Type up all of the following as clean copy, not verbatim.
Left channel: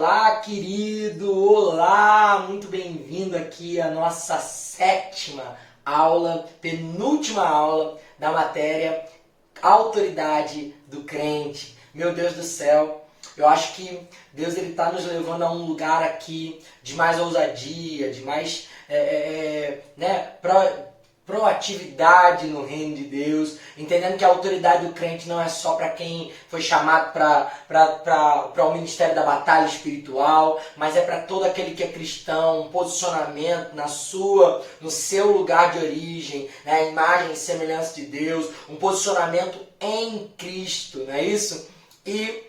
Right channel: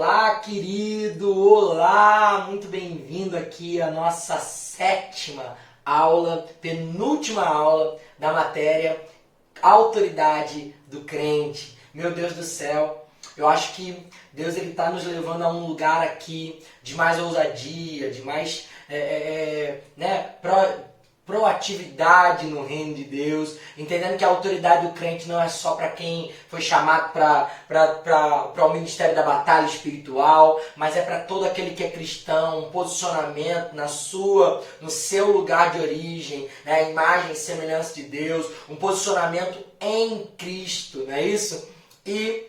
Olá, querido! Olá! Muito bem-vindo aqui à nossa sétima aula, penúltima aula da matéria Autoridade do Crente. Meu Deus do céu, eu acho que Deus está nos levando a um lugar aqui de mais ousadia, de mais proatividade no reino de Deus, entendendo que a autoridade do crente não é só para quem foi chamado para o ministério da batalha espiritual, mas é para todo aquele que é cristão, um posicionamento no seu lugar de origem, né, a imagem e semelhança de Deus, um posicionamento em Cristo, não é isso? E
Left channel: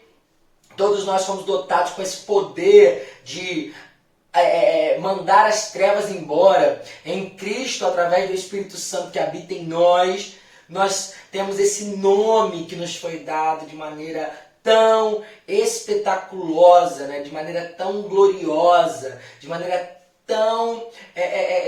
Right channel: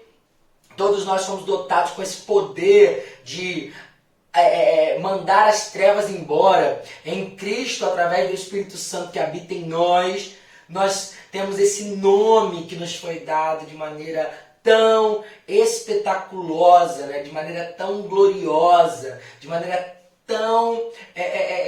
todos nós fomos dotados com esse poder de mandar as trevas embora. Em Cristo, através do Espírito Santo que habita em nós, nós temos esse nome que nos foi dado de maneira tão espetaculosa, né? De maneira tão gloriosa, de maneira tão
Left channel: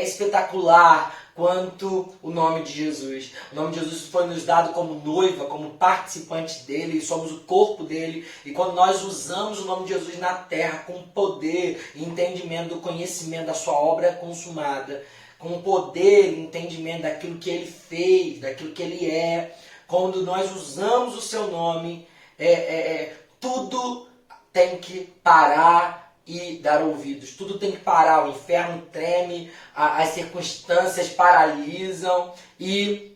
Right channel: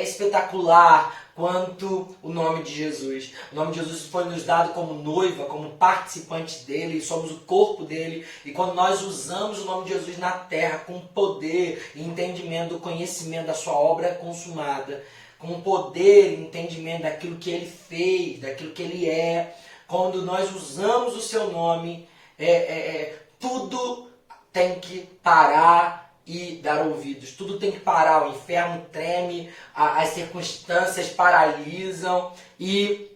espetacular quanto o nome de Jesus. O nome de Jesus foi nos dado como noiva, como participante dele, e somos o corpo dele. E quando nós usamos o nome de Jesus na terra com poder e entendimento do conhecimento da sua obra consumada, com poder e entendimento daquilo que ele fez, daquilo que ele é, quando nós usamos o seu nome, tudo tem que parar e dar ouvidos. Tudo tem que parar, o inferno treme, as circunstâncias paralisam e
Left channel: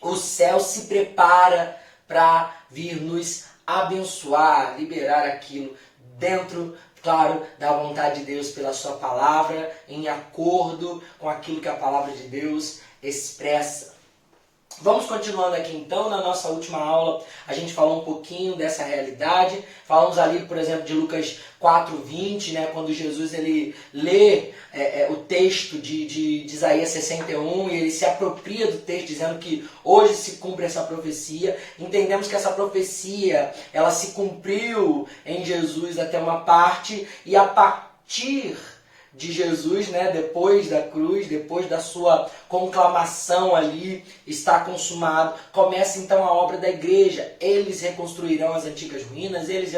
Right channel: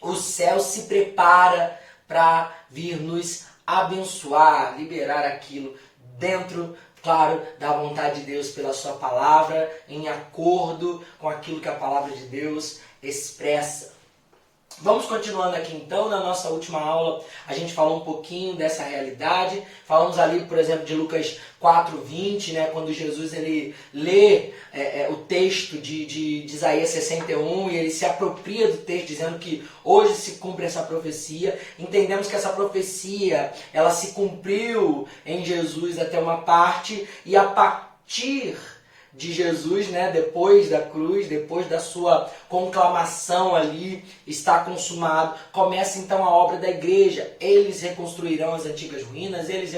o céu se prepara para vir nos abençoar, liberar aquilo dentro, claro, da vontade de Deus pela sua palavra, em acordo com aquilo que a palavra de Deus expressa. Vamos continuando aqui então, na nossa última aula a gente falou um pouquinho dessa realidade, falamos ali, por exemplo, de Lucas 4:20, né, quando Jesus ele lê o texto de Isaías 61 e ele se apropria do texto dizendo que hoje se cumpre essa profecia. Entendemos que essa profecia ela se cumpriu em Jesus até uma parte e a partir de Jesus, né, depois da cruz, depois da sua conclamação ali, está consumado, começa então a obra da igreja. Eles reconstruirão as antigas ruínas, eles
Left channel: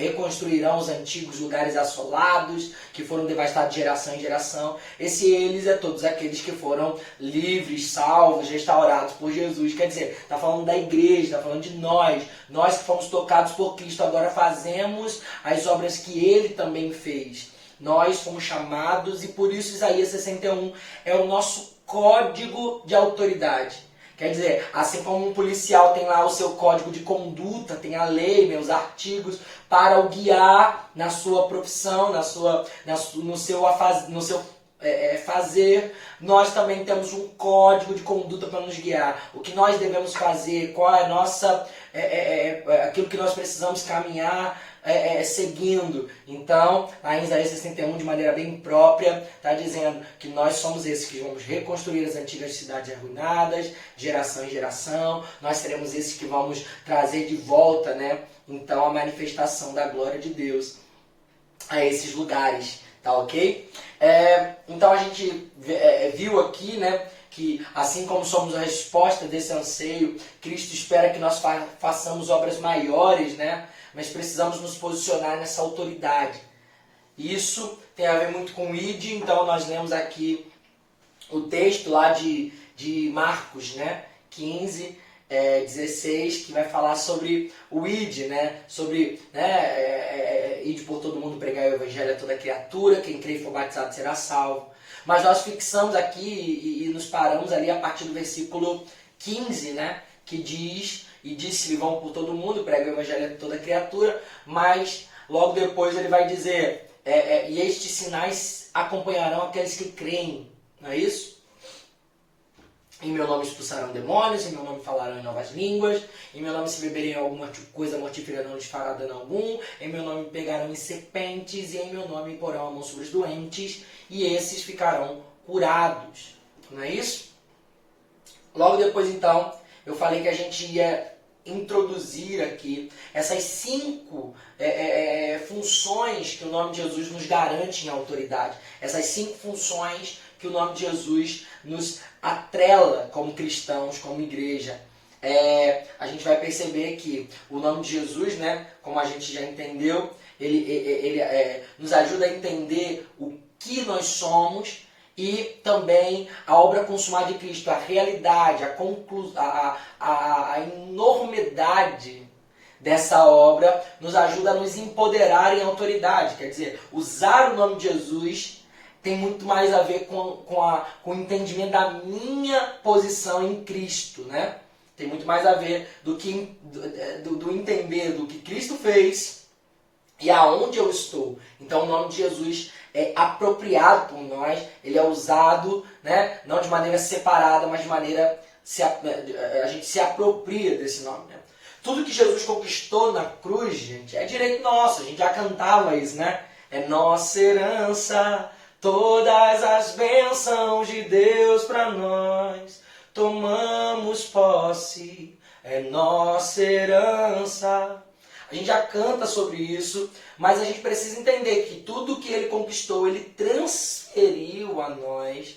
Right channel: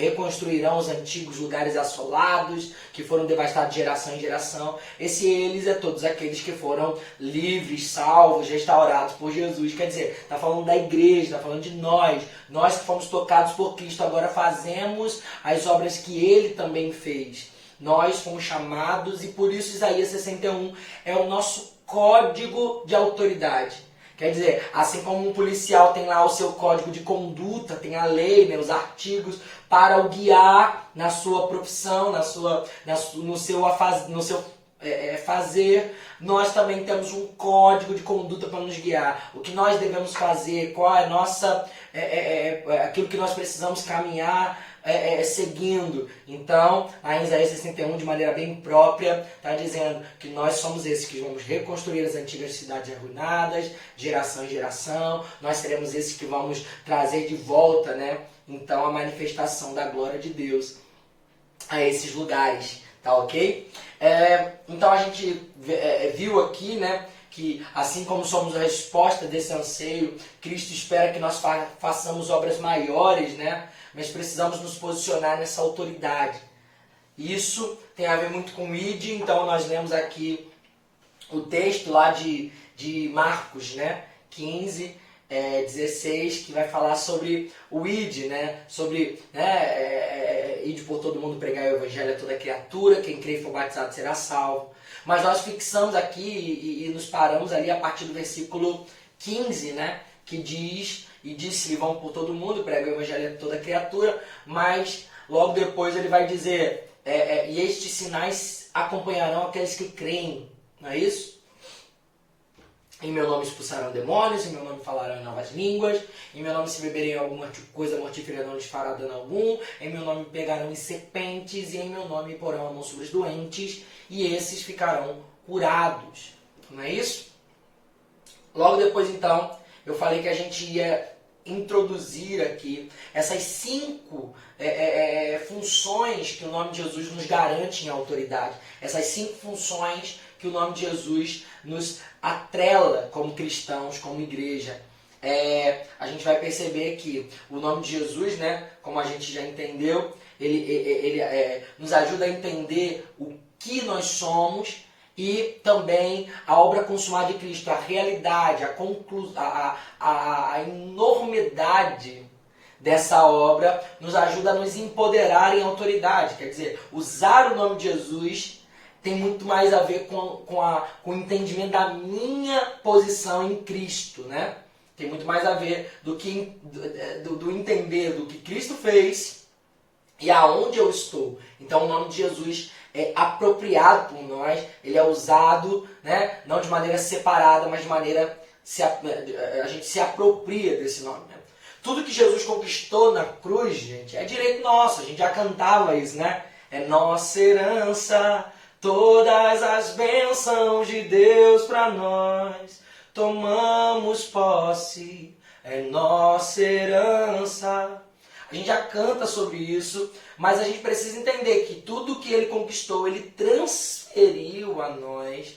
reconstruirão os antigos lugares assolados, que foram devastados de geração em geração. Esse eles é todos aqueles que foram livres, salvos, restaurados por Jesus. Quer dizer, está falando da igreja, está falando de nós que fomos tocados por Cristo, agora fazemos as obras que ele também fez. Nós fomos chamados e por isso Isaías 61 é o nosso código de autoridade. Quer dizer, assim como um policial tem lá o seu código de conduta, tem a lei, né, os artigos para o guiar na sua profissão, no seu fazer, nós também temos um código de conduta para nos guiar. O que nós devemos fazer, qual é a nossa, aquilo que nós precisamos caminhar seguindo. Então, lá em Isaías 61, de maneira bem própria, está dizendo que nós somos esses que vamos reconstruir as antigas cidades arruinadas, geração em geração. Nós seremos esses que vamos trazer de volta, né, então, a manifestação da glória de Deus a esses lugares. Tá ok? Então a gente viu aqui, né, que assim como somos a resposta desse anseio, Cristo espera que nós façamos obras maiores, né? Mas precisamos nos posicionar nessa autoridade. Isso tem a ver muito com o ID, então nós lemos aqui o texto lá de Marcos, né, 15, 16, que vai falar sobre o ID, né? Sobre ide por todo mundo, pregar o evangelho a toda criatura, quem crê e for batizado será salvo. Mas nós fixamos aqui e nos paramos ali a partir do versículo 15, né? Que diz, e disse-lhe, vão por todo mundo, prega o evangelho a toda criatura, mas logo depois ele vai dizer, e estes sinais acompanharão aqueles que creem, não é isso? Em meu nome expulsarão demônios, em meu nome falarão em novas línguas, em meu nome se beberem alguma coisa mortífera não lhes fará dano algum, em meu nome pegarão em serpentes, e em meu nome porão a mão sobre os doentes, e esses ficarão curados. Não é isso? Logo depois, então, eu falei que a gente ia introduzir aqui essas 5 funções que o nome de Jesus nos garante em autoridade. Essas 5 funções que o nome de Jesus nos atrela como cristãos, como igreja. a gente vai perceber que o nome de Jesus, né, como a gente já entendeu, ele nos ajuda a entender o que nós somos e também a obra consumada de Cristo, a realidade, a enormidade dessa obra nos ajuda a nos empoderar em autoridade. Quer dizer, usar o nome de Jesus tem muito mais a ver com o entendimento da minha posição em Cristo, né? Tem muito mais a ver do entender do que Cristo fez e aonde eu estou. Então o nome de Jesus é apropriado por nós, ele é usado, né, não de maneira separada, mas de maneira a gente se apropria desse nome. Né? Tudo que Jesus conquistou na cruz, gente, é direito nosso. A gente já cantava isso, né? É nossa herança, todas as bênçãos de Deus para nós. Tomamos posse, é nossa herança. A gente já canta sobre isso, mas a gente precisa entender que tudo que ele conquistou, ele transferiu a nós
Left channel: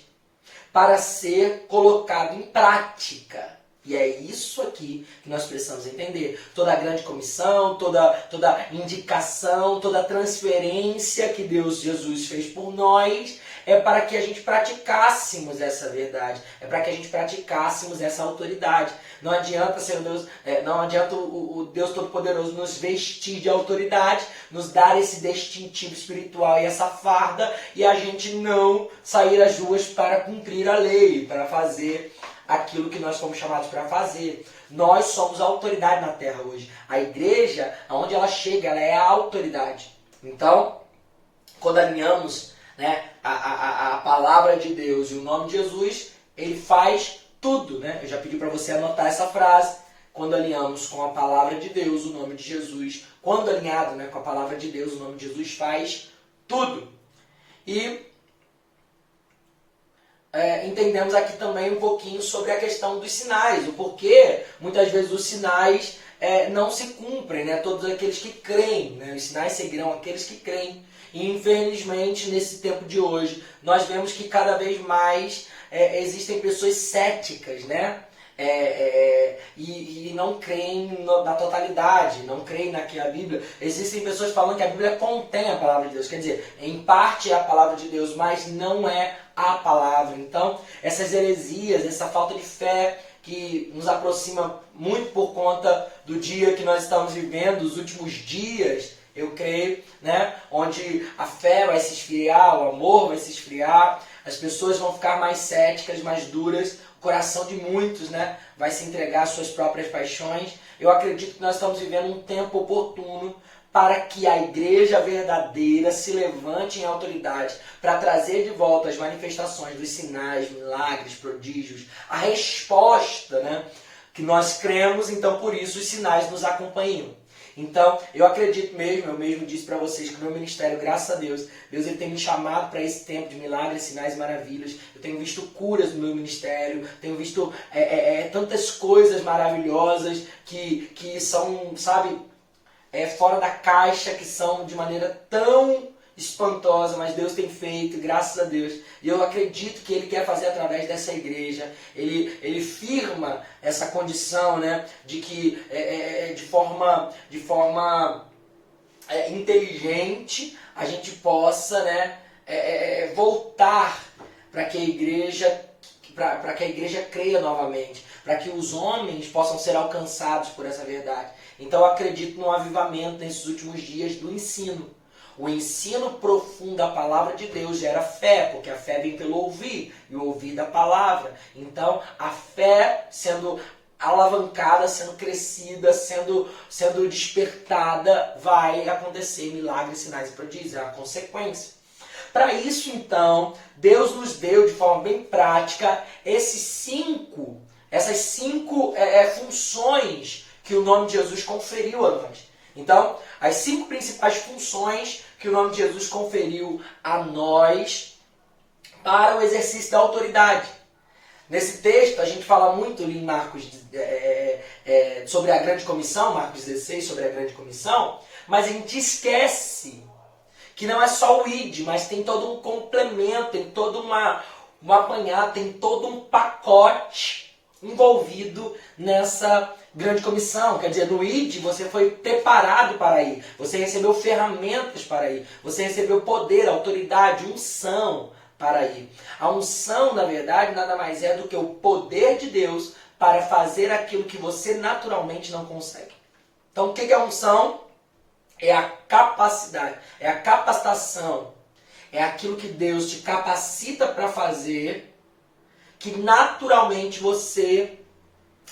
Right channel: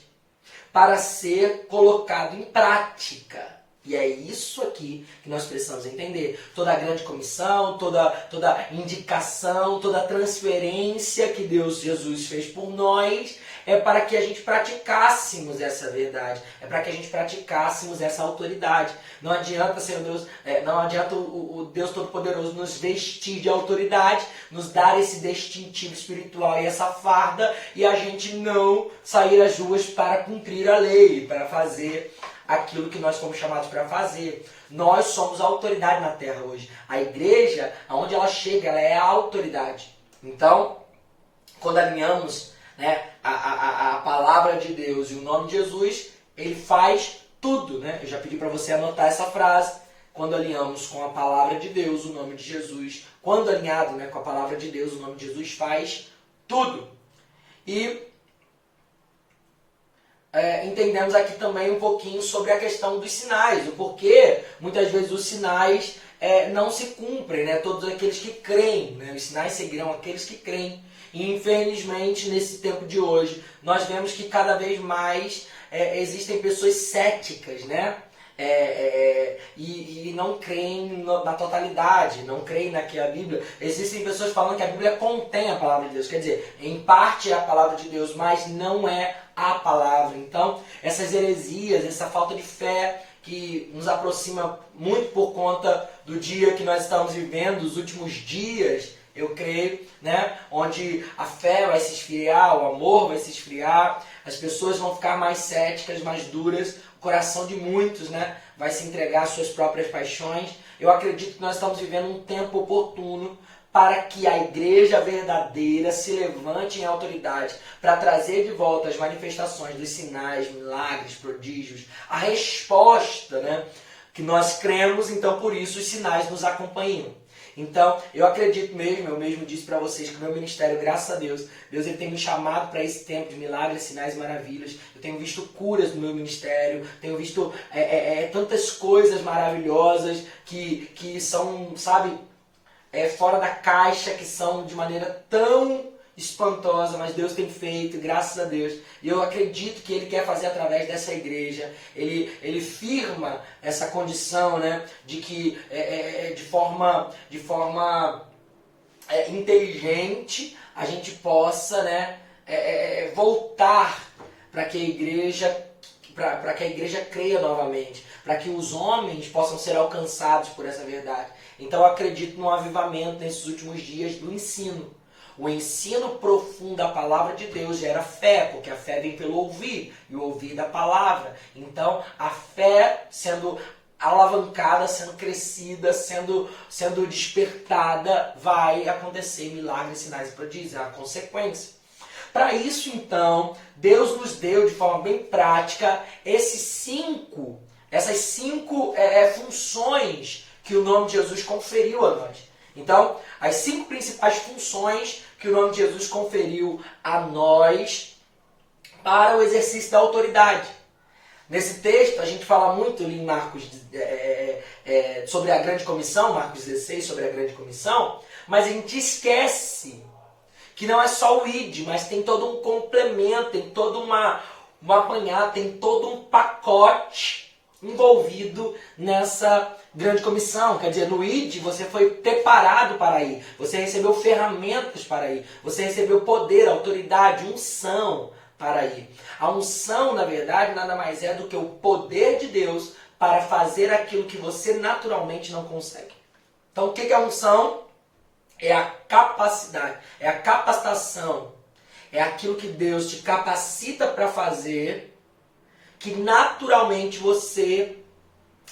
para ser colocado em prática. E é isso aqui que nós precisamos entender. Toda a grande comissão, toda indicação, toda transferência que Jesus fez por nós é para que a gente praticássemos essa verdade. É para que a gente praticássemos essa autoridade. Não adianta ser Deus, não adianta o Deus Todo-Poderoso nos vestir de autoridade, nos dar esse distintivo espiritual e essa farda, e a gente não sair às ruas para cumprir a lei, para fazer aquilo que nós fomos chamados para fazer. Nós somos a autoridade na terra hoje. A igreja, aonde ela chega, ela é a autoridade. Então, quando alinhamos, né, a palavra de Deus e o nome de Jesus, ele faz tudo. Né? Eu já pedi para você anotar essa frase. Quando alinhamos com a palavra de Deus, o nome de Jesus, quando alinhado, né, com a palavra de Deus, o nome de Jesus faz tudo. E entendemos aqui também um pouquinho sobre a questão dos sinais, o porquê muitas vezes os sinais não se cumprem, né? Todos aqueles que creem, né? Os sinais seguirão aqueles que creem. E infelizmente nesse tempo de hoje nós vemos que cada vez mais existem pessoas céticas, né? E não creem na totalidade, não creem naquela Bíblia. Existem pessoas falando que a Bíblia contém a palavra de Deus, quer dizer, em parte é a palavra de Deus, mas não é a palavra. Então, essas heresias, essa falta de fé que nos aproxima muito por conta do dia que nós estamos vivendo, os últimos dias, eu creio, né? Onde a fé vai se esfriar, o amor vai se esfriar, as pessoas vão ficar mais céticas, mais duras, o coração de muitos, né, vai se entregar às suas próprias paixões. Eu acredito que nós estamos vivendo um tempo oportuno para que a igreja verdadeira se levante em autoridade, para trazer de volta as manifestações dos sinais, milagres, prodígios, a resposta, né, que nós cremos, então por isso os sinais nos acompanham. Então, eu acredito mesmo, eu mesmo disse para vocês que o meu ministério, graças a Deus, ele tem me chamado para esse tempo de milagres, sinais e maravilhas. Eu tenho visto curas no meu ministério, tenho visto tantas coisas maravilhosas que são, sabe, fora da caixa, que são de maneira tão espantosa, mas Deus tem feito, graças a Deus. E eu acredito que Ele quer fazer através dessa igreja. Ele firma essa condição, né, de que de forma inteligente a gente possa, né, voltar para que a igreja creia novamente, para que os homens possam ser alcançados por essa verdade. Então eu acredito no avivamento nesses últimos dias do ensino. O ensino profundo da palavra de Deus gera fé, porque a fé vem pelo ouvir, e o ouvir da palavra. Então, a fé sendo alavancada, sendo crescida, sendo despertada, vai acontecer milagres, sinais e prodígios, é a consequência. Para isso, então, Deus nos deu de forma bem prática essas cinco funções que o nome de Jesus conferiu a nós. Então, as 5 principais funções que o nome de Jesus conferiu a nós para o exercício da autoridade. Nesse texto, a gente fala muito ali em Marcos sobre a grande comissão, Marcos 16, sobre a grande comissão, mas a gente esquece que não é só o id, mas tem todo um complemento, tem todo um apanhado, tem todo um pacote envolvido nessa grande comissão. Quer dizer, no ID você foi preparado para ir, você recebeu ferramentas para ir, você recebeu poder, autoridade, unção para ir. A unção, na verdade, nada mais é do que o poder de Deus para fazer aquilo que você naturalmente não consegue. Então, o que é a unção? É a capacidade, é a capacitação, é aquilo que Deus te capacita para fazer, que naturalmente você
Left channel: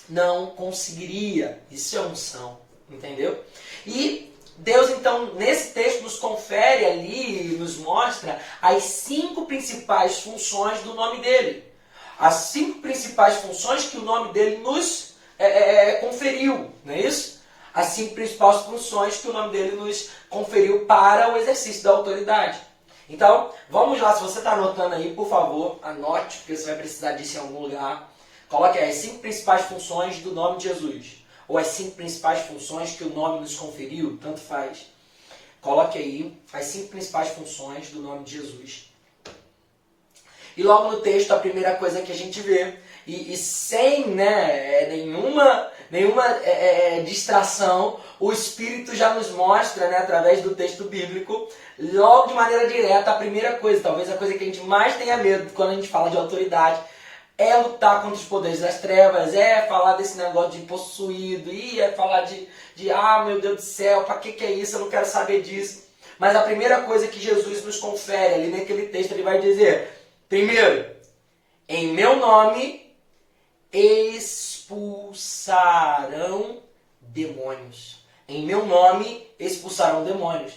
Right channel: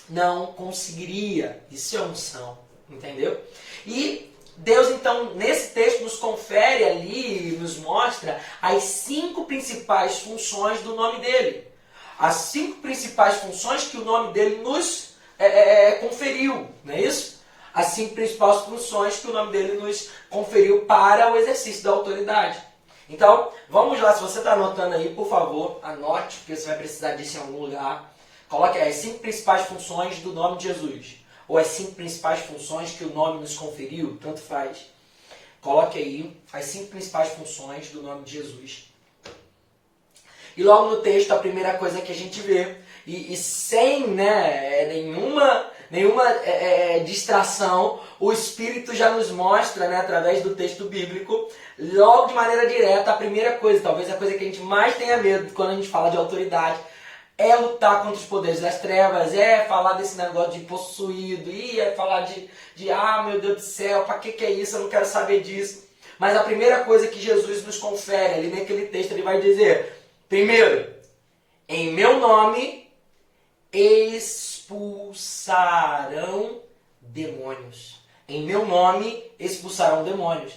não conseguiria. Isso é unção, entendeu? E Deus, então, nesse texto nos confere ali, nos mostra as 5 principais funções do nome dele. As 5 principais funções que o nome dele nos conferiu, não é isso? As 5 principais funções que o nome dele nos conferiu para o exercício da autoridade. Então, vamos lá, se você está anotando aí, por favor, anote, porque você vai precisar disso em algum lugar. Coloque aí as 5 principais funções do nome de Jesus. Ou as 5 principais funções que o nome nos conferiu, tanto faz. Coloque aí as 5 principais funções do nome de Jesus. E logo no texto, a primeira coisa que a gente vê, e sem nenhuma distração, o Espírito já nos mostra, através do texto bíblico, logo de maneira direta, a primeira coisa, talvez a coisa que a gente mais tenha medo quando a gente fala de autoridade, é lutar contra os poderes das trevas, é falar desse negócio de possuído, é falar de meu Deus do céu, para que é isso? Eu não quero saber disso. Mas a primeira coisa que Jesus nos confere ali naquele texto, ele vai dizer, primeiro, em meu nome expulsarão demônios. Em meu nome expulsarão demônios.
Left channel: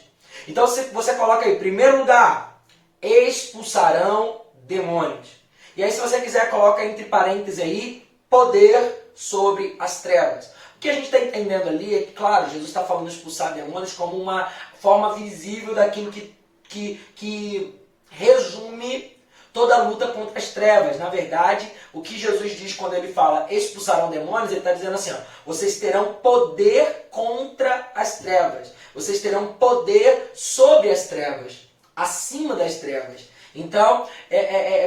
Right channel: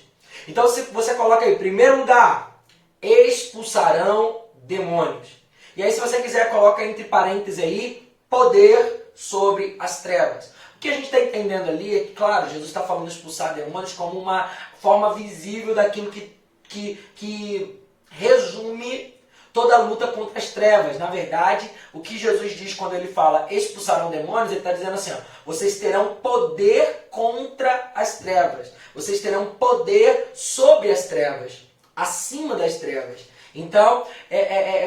Então você coloca aí, em primeiro lugar, expulsarão demônios. E aí, se você quiser, coloca entre parênteses aí, poder sobre as trevas. O que a gente está entendendo ali é que, claro, Jesus está falando de expulsar demônios como uma forma visível daquilo que resume toda a luta contra as trevas. Na verdade, o que Jesus diz quando ele fala expulsarão demônios, ele está dizendo assim, ó, vocês terão poder contra as trevas. Vocês terão poder sobre as trevas, acima das trevas. Então,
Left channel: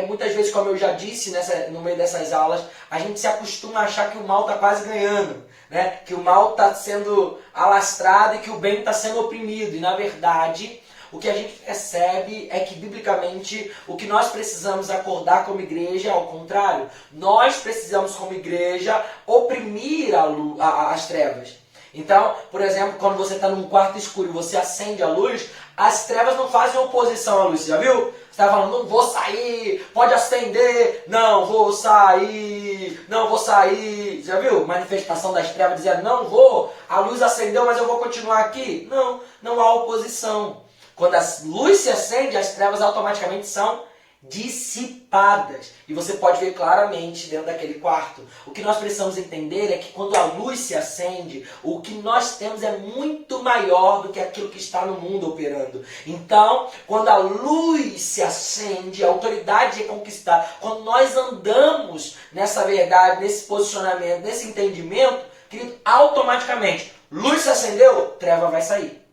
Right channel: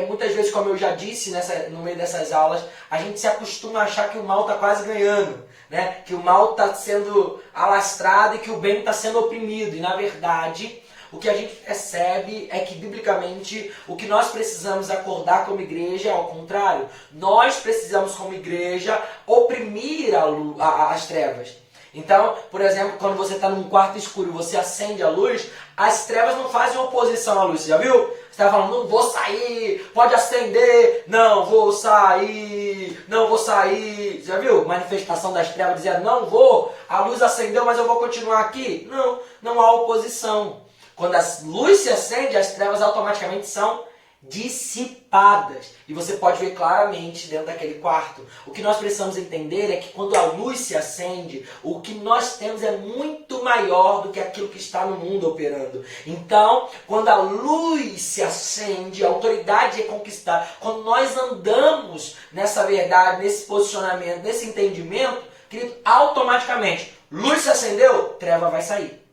muitas vezes, como eu já disse no meio dessas aulas, a gente se acostuma a achar que o mal está quase ganhando, né? Que o mal está sendo alastrado e que o bem está sendo oprimido. E, na verdade, o que a gente percebe é que, biblicamente, o que nós precisamos acordar como igreja é ao contrário. Nós precisamos, como igreja, oprimir as trevas. Então, por exemplo, quando você está num quarto escuro e você acende a luz, as trevas não fazem oposição à luz. Você já viu? Você está falando, não vou sair, pode acender, não vou sair, não vou sair. Já viu? Manifestação das trevas dizendo, não vou, a luz acendeu, mas eu vou continuar aqui. Não, não há oposição. Quando a luz se acende, as trevas automaticamente são dissipadas. E você pode ver claramente dentro daquele quarto. O que nós precisamos entender é que quando a luz se acende, o que nós temos é muito maior do que aquilo que está no mundo operando. Então, quando a luz se acende, a autoridade é conquistada. Quando nós andamos nessa verdade, nesse posicionamento, nesse entendimento, querido, automaticamente, luz se acendeu, treva vai sair.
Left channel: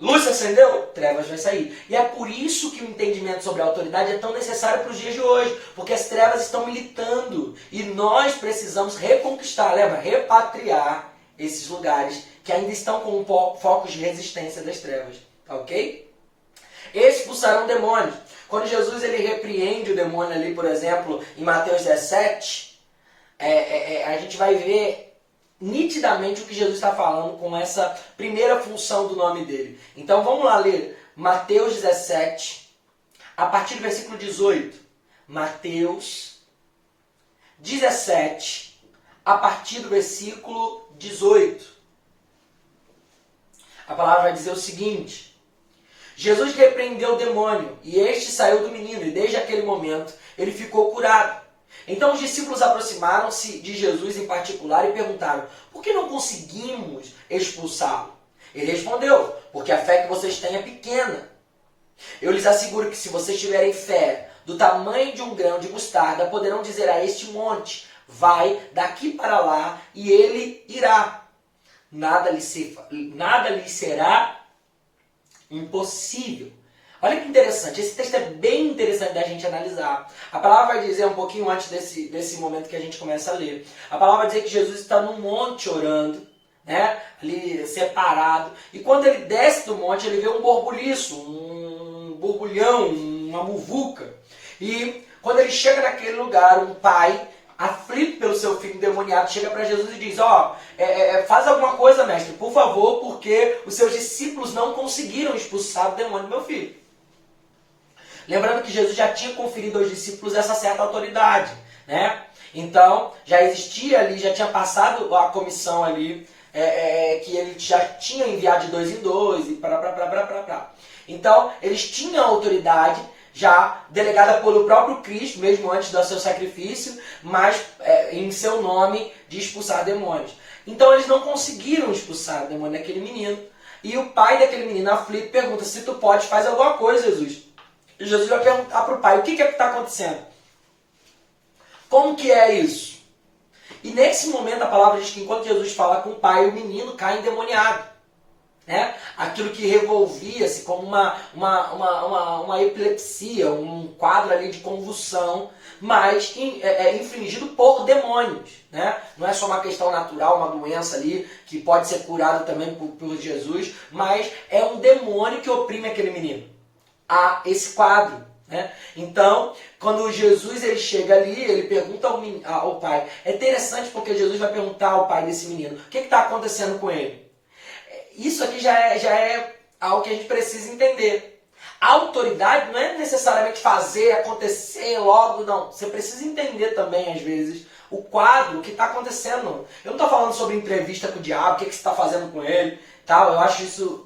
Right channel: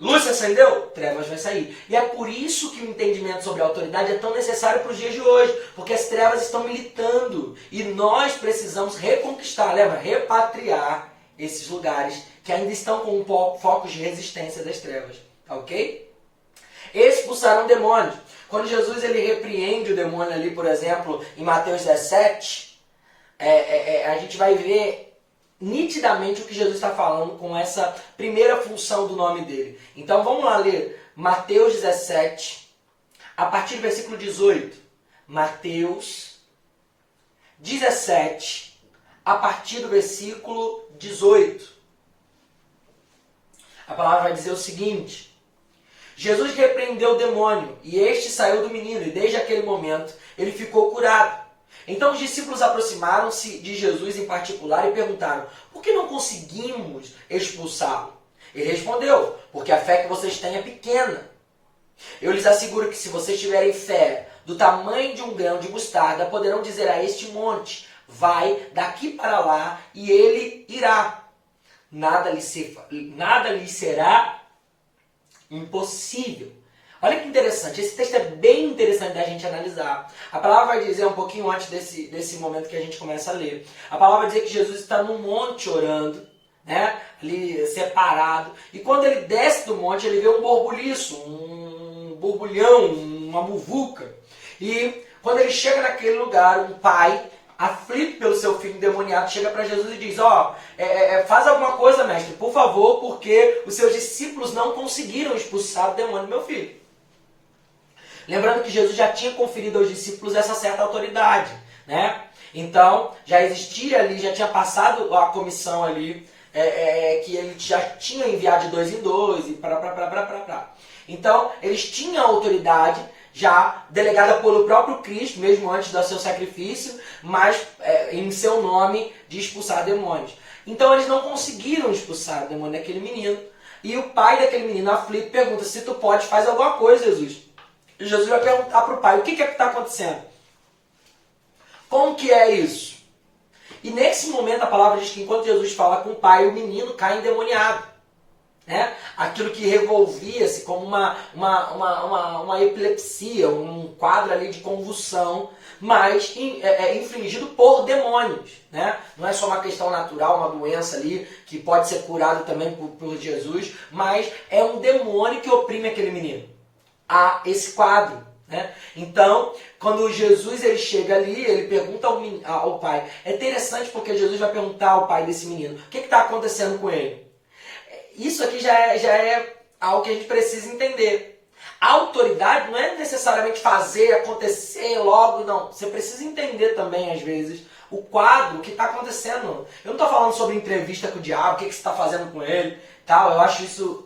Luz se acendeu, trevas vai sair. E é por isso que o entendimento sobre a autoridade é tão necessário para os dias de hoje. Porque as trevas estão militando. E nós precisamos reconquistar, repatriar esses lugares que ainda estão com focos de resistência das trevas. Tá ok? Expulsarão demônios. Quando Jesus ele repreende o demônio ali, por exemplo, em Mateus 17, a gente vai ver nitidamente o que Jesus está falando com essa primeira função do nome dele. Então vamos lá ler Mateus 17, a partir do versículo 18. Mateus 17, a partir do versículo 18. A palavra vai dizer o seguinte: Jesus repreendeu o demônio, e este saiu do menino, e desde aquele momento ele ficou curado. Então os discípulos aproximaram-se de Jesus em particular e perguntaram, por que não conseguimos expulsá-lo? Ele respondeu, porque a fé que vocês têm é pequena. Eu lhes asseguro que se vocês tiverem fé do tamanho de um grão de mostarda, poderão dizer a este monte, vai daqui para lá, e ele irá. Nada lhe será impossível. Olha que interessante, esse texto é bem interessante da gente analisar. A palavra vai dizer um pouquinho antes desse momento que a gente começa a ler. A palavra vai dizer que Jesus está num monte orando, né? Ali separado. E quando ele desce do monte, ele vê um borbuliço, um borbulhão, uma muvuca. E quando ele chega naquele lugar, um pai, aflito pelo seu filho endemoniado, chega para Jesus e diz, faz alguma coisa, mestre, por favor, porque os seus discípulos não conseguiram expulsar o demônio do meu filho. Lembrando que Jesus já tinha conferido aos discípulos essa certa autoridade, né? Então, já existia ali, já tinha passado a comissão ali, que ele já tinha enviado de 2 em 2 e Então, eles tinham a autoridade já delegada pelo próprio Cristo, mesmo antes do seu sacrifício, mas em seu nome de expulsar demônios. Então, eles não conseguiram expulsar o demônio daquele menino. E o pai daquele menino aflito pergunta, se tu pode, faz alguma coisa, Jesus. E Jesus vai perguntar para o pai, o que está acontecendo? Como que é isso? E nesse momento a palavra diz que enquanto Jesus fala com o pai, o menino cai endemoniado. Né? Aquilo que revolvia-se como uma epilepsia, um quadro ali de convulsão, mas infligido por demônios. Né? Não é só uma questão natural, uma doença ali que pode ser curada também por Jesus, mas é um demônio que oprime aquele menino. A esse quadro. Né? Então, quando Jesus ele chega ali, ele pergunta ao pai. É interessante porque Jesus vai perguntar ao pai desse menino, o que está acontecendo com ele? Isso aqui já é algo que a gente precisa entender. A autoridade não é necessariamente fazer acontecer logo, não. Você precisa entender também, às vezes, o quadro, o que está acontecendo. Eu não estou falando sobre entrevista com o diabo, o que você está fazendo com ele. Tal. Eu acho isso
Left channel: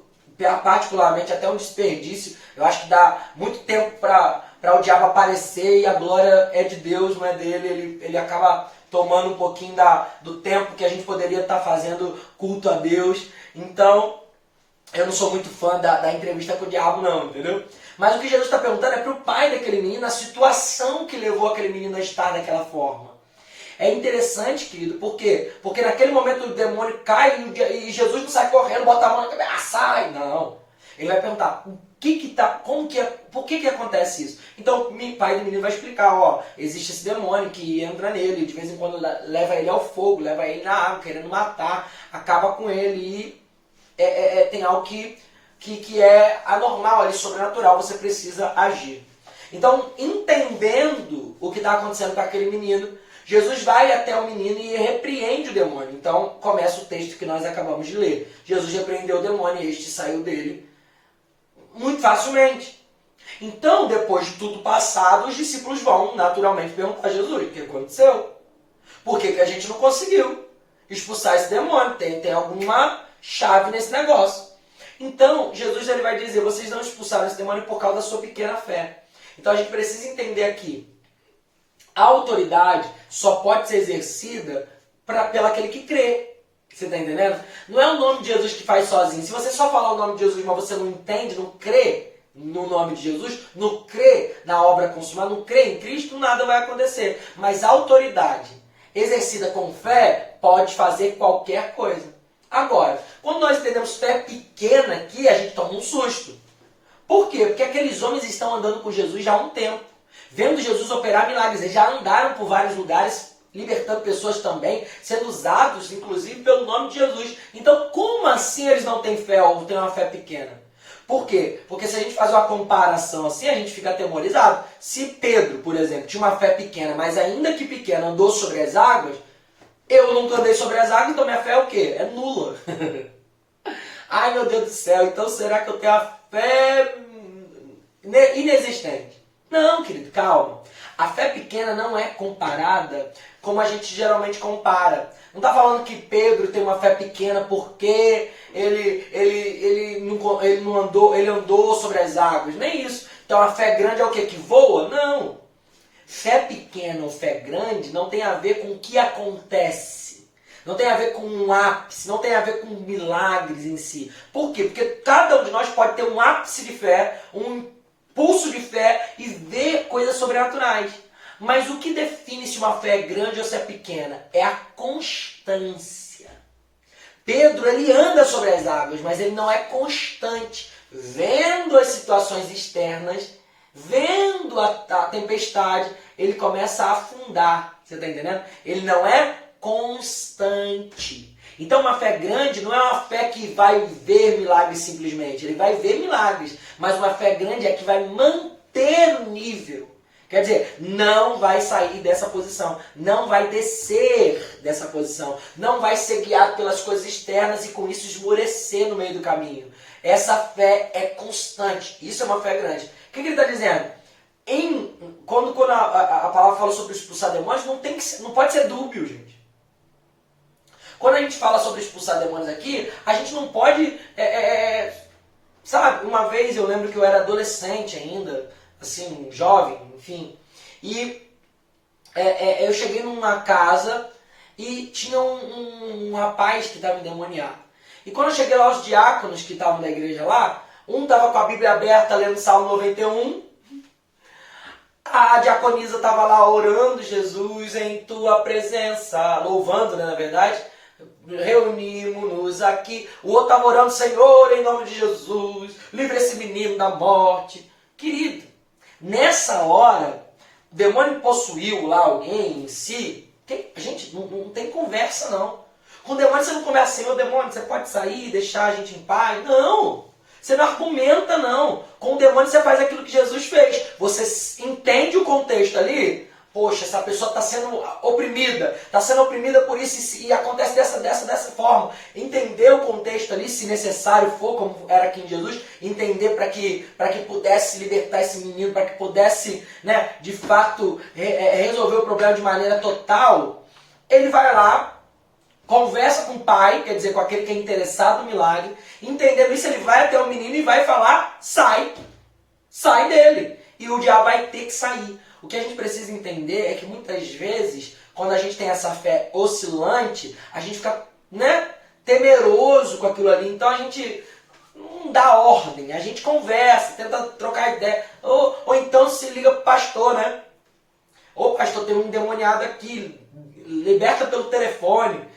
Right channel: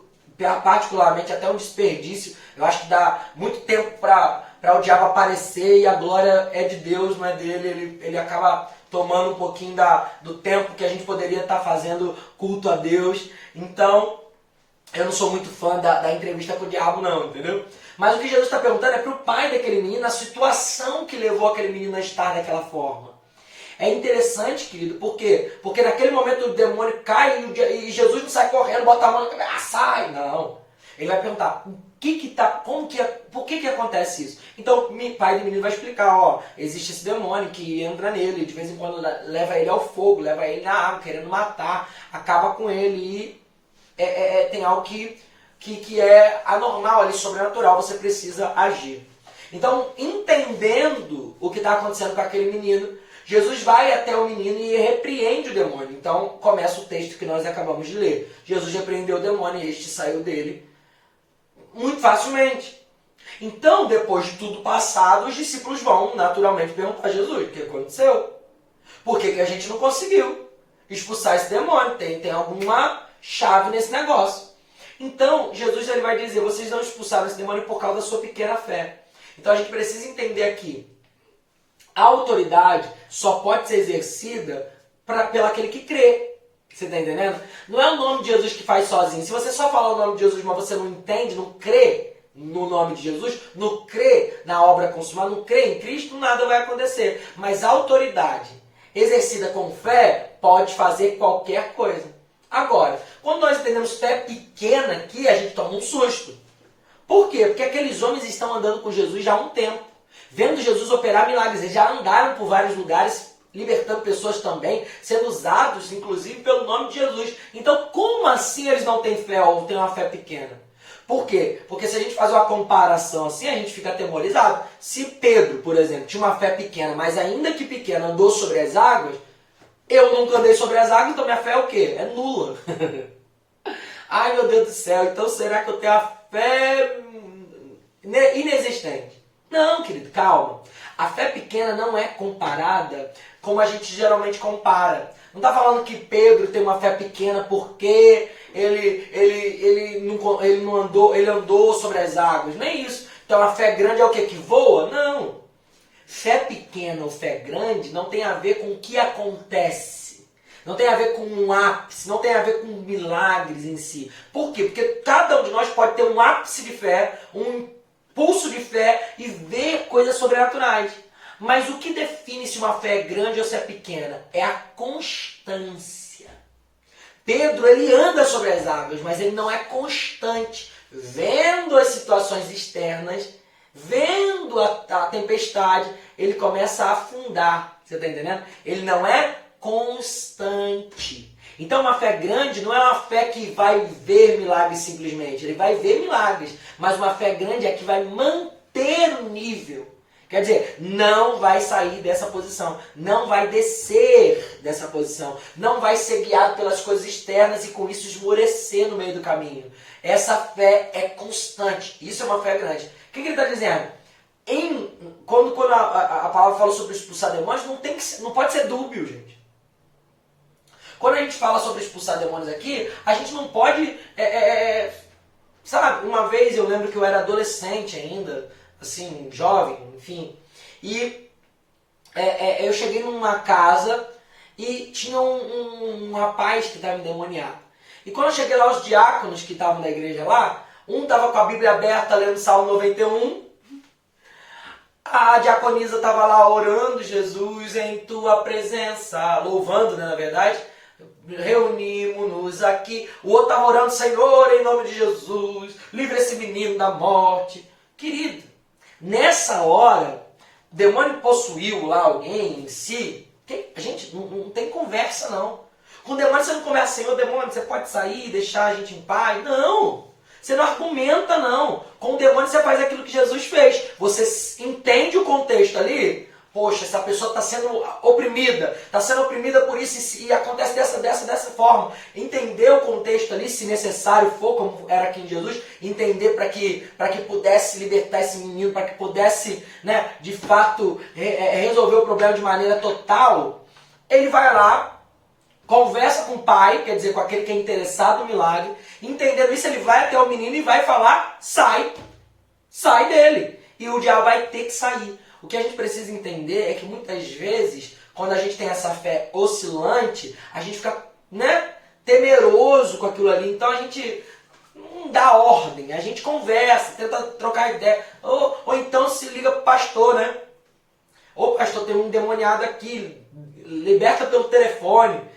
particularmente até um desperdício. Eu acho que dá muito tempo para o diabo aparecer e a glória é de Deus, não é dele. Ele acaba tomando um pouquinho do tempo que a gente poderia estar fazendo culto a Deus. Então, eu não sou muito fã da entrevista com o diabo não, entendeu? Mas o que Jesus está perguntando é para o pai daquele menino a situação que levou aquele menino a estar daquela forma. É interessante, querido, por quê? Porque naquele momento o demônio cai e Jesus não sai correndo, bota a mão na cabeça, sai! Não. Ele vai perguntar, por que acontece isso? Então o pai do menino vai explicar, existe esse demônio que entra nele, de vez em quando leva ele ao fogo, leva ele na água, querendo matar, acaba com ele e tem algo que é anormal ali, sobrenatural, você precisa agir. Então, entendendo o que está acontecendo com aquele menino, Jesus vai até o menino e repreende o demônio. Então, começa o texto que nós acabamos de ler. Jesus repreendeu o demônio e este saiu dele muito facilmente. Então, depois de tudo passado, os discípulos vão naturalmente perguntar a Jesus, o que aconteceu? Por que a gente não conseguiu expulsar esse demônio? Tem alguma chave nesse negócio. Então, Jesus ele vai dizer, vocês não expulsaram esse demônio por causa da sua pequena fé. Então, a gente precisa entender aqui, a autoridade só pode ser exercida pelo aquele que crê. Você está entendendo? Não é o nome de Jesus que faz sozinho. Se você só falar o nome de Jesus, mas você não entende, não crê no nome de Jesus, não crê na obra consumada, não crê em Cristo, nada vai acontecer. Mas a autoridade exercida com fé pode fazer qualquer coisa. Agora, quando nós entendemos fé pequena aqui, a gente toma um susto. Por quê? Porque aqueles homens estão andando com Jesus já há um tempo, vendo Jesus operar milagres. Eles já andaram por vários lugares, libertando pessoas também, sendo usados, inclusive, pelo nome de Jesus. Então, como assim eles não têm fé ou têm uma fé pequena? Por quê? Porque se a gente faz uma comparação assim, a gente fica atemorizado. Se Pedro, por exemplo, tinha uma fé pequena, mas ainda que pequena, andou sobre as águas, eu nunca andei sobre as águas, então minha fé é o quê? É nula. Ai, meu Deus do céu, então será que eu tenho a fé inexistente? Não, querido, calma. A fé pequena não é comparada como a gente geralmente compara. Não está falando que Pedro tem uma fé pequena porque ele andou sobre as águas. Nem isso. Então a fé grande é o quê? Que voa? Não. Fé pequena ou fé grande não tem a ver com o que acontece. Não tem a ver com um ápice, não tem a ver com milagres em si. Por quê? Porque cada um de nós pode ter um ápice de fé, um impulso de fé e ver coisas sobrenaturais. Mas o que define se uma fé é grande ou se é pequena? É a constância. Pedro, ele anda sobre as águas, mas ele não é constante. Vendo as situações externas, vendo a tempestade, ele começa a afundar. Você está entendendo? Ele não é constante. Então uma fé grande não é uma fé que vai ver milagres simplesmente. Ele vai ver milagres, mas uma fé grande é que vai manter o nível. Quer dizer, não vai sair dessa posição, não vai descer dessa posição, não vai ser guiado pelas coisas externas e com isso esmorecer no meio do caminho. Essa fé é constante, isso é uma fé grande. O que ele está dizendo? Quando a palavra fala sobre expulsar demônios, não pode ser dúbio, gente. Quando a gente fala sobre expulsar demônios aqui, a gente não pode... sabe, uma vez eu lembro que eu era adolescente ainda, assim, jovem, enfim, e eu cheguei numa casa e tinha um rapaz que estava endemoniado. E quando eu cheguei lá, os diáconos que estavam na igreja lá, um estava com a Bíblia aberta lendo Salmo 91, a diaconisa estava lá orando, Jesus em tua presença, louvando, né, na verdade, reunimos-nos aqui. O outro estava orando, Senhor, em nome de Jesus, livra esse menino da morte. Querido, nessa hora, o demônio possuiu lá alguém em si, a gente não tem conversa não. Com o demônio você não conversa assim, ô demônio, você pode sair, deixar a gente em paz. Não, você não argumenta não. Com o demônio você faz aquilo que Jesus fez. Você entende o contexto ali. Poxa, essa pessoa está sendo oprimida por isso e acontece dessa forma. Entender o contexto ali, se necessário for, como era aqui em Jesus, entender para que pudesse libertar esse menino, para que pudesse, né, de fato, resolver o problema de maneira total. Ele vai lá, conversa com o pai, quer dizer, com aquele que é interessado no milagre, entendendo isso, ele vai até o menino e vai falar, sai dele. E o diabo vai ter que sair. O que a gente precisa entender é que muitas vezes, quando a gente tem essa fé oscilante, a gente fica, né, temeroso com aquilo ali. Então a gente não dá ordem, a gente conversa, tenta trocar ideia. Ou então se liga pro pastor, né? Ô pastor, tem um endemoniado aqui, liberta pelo telefone.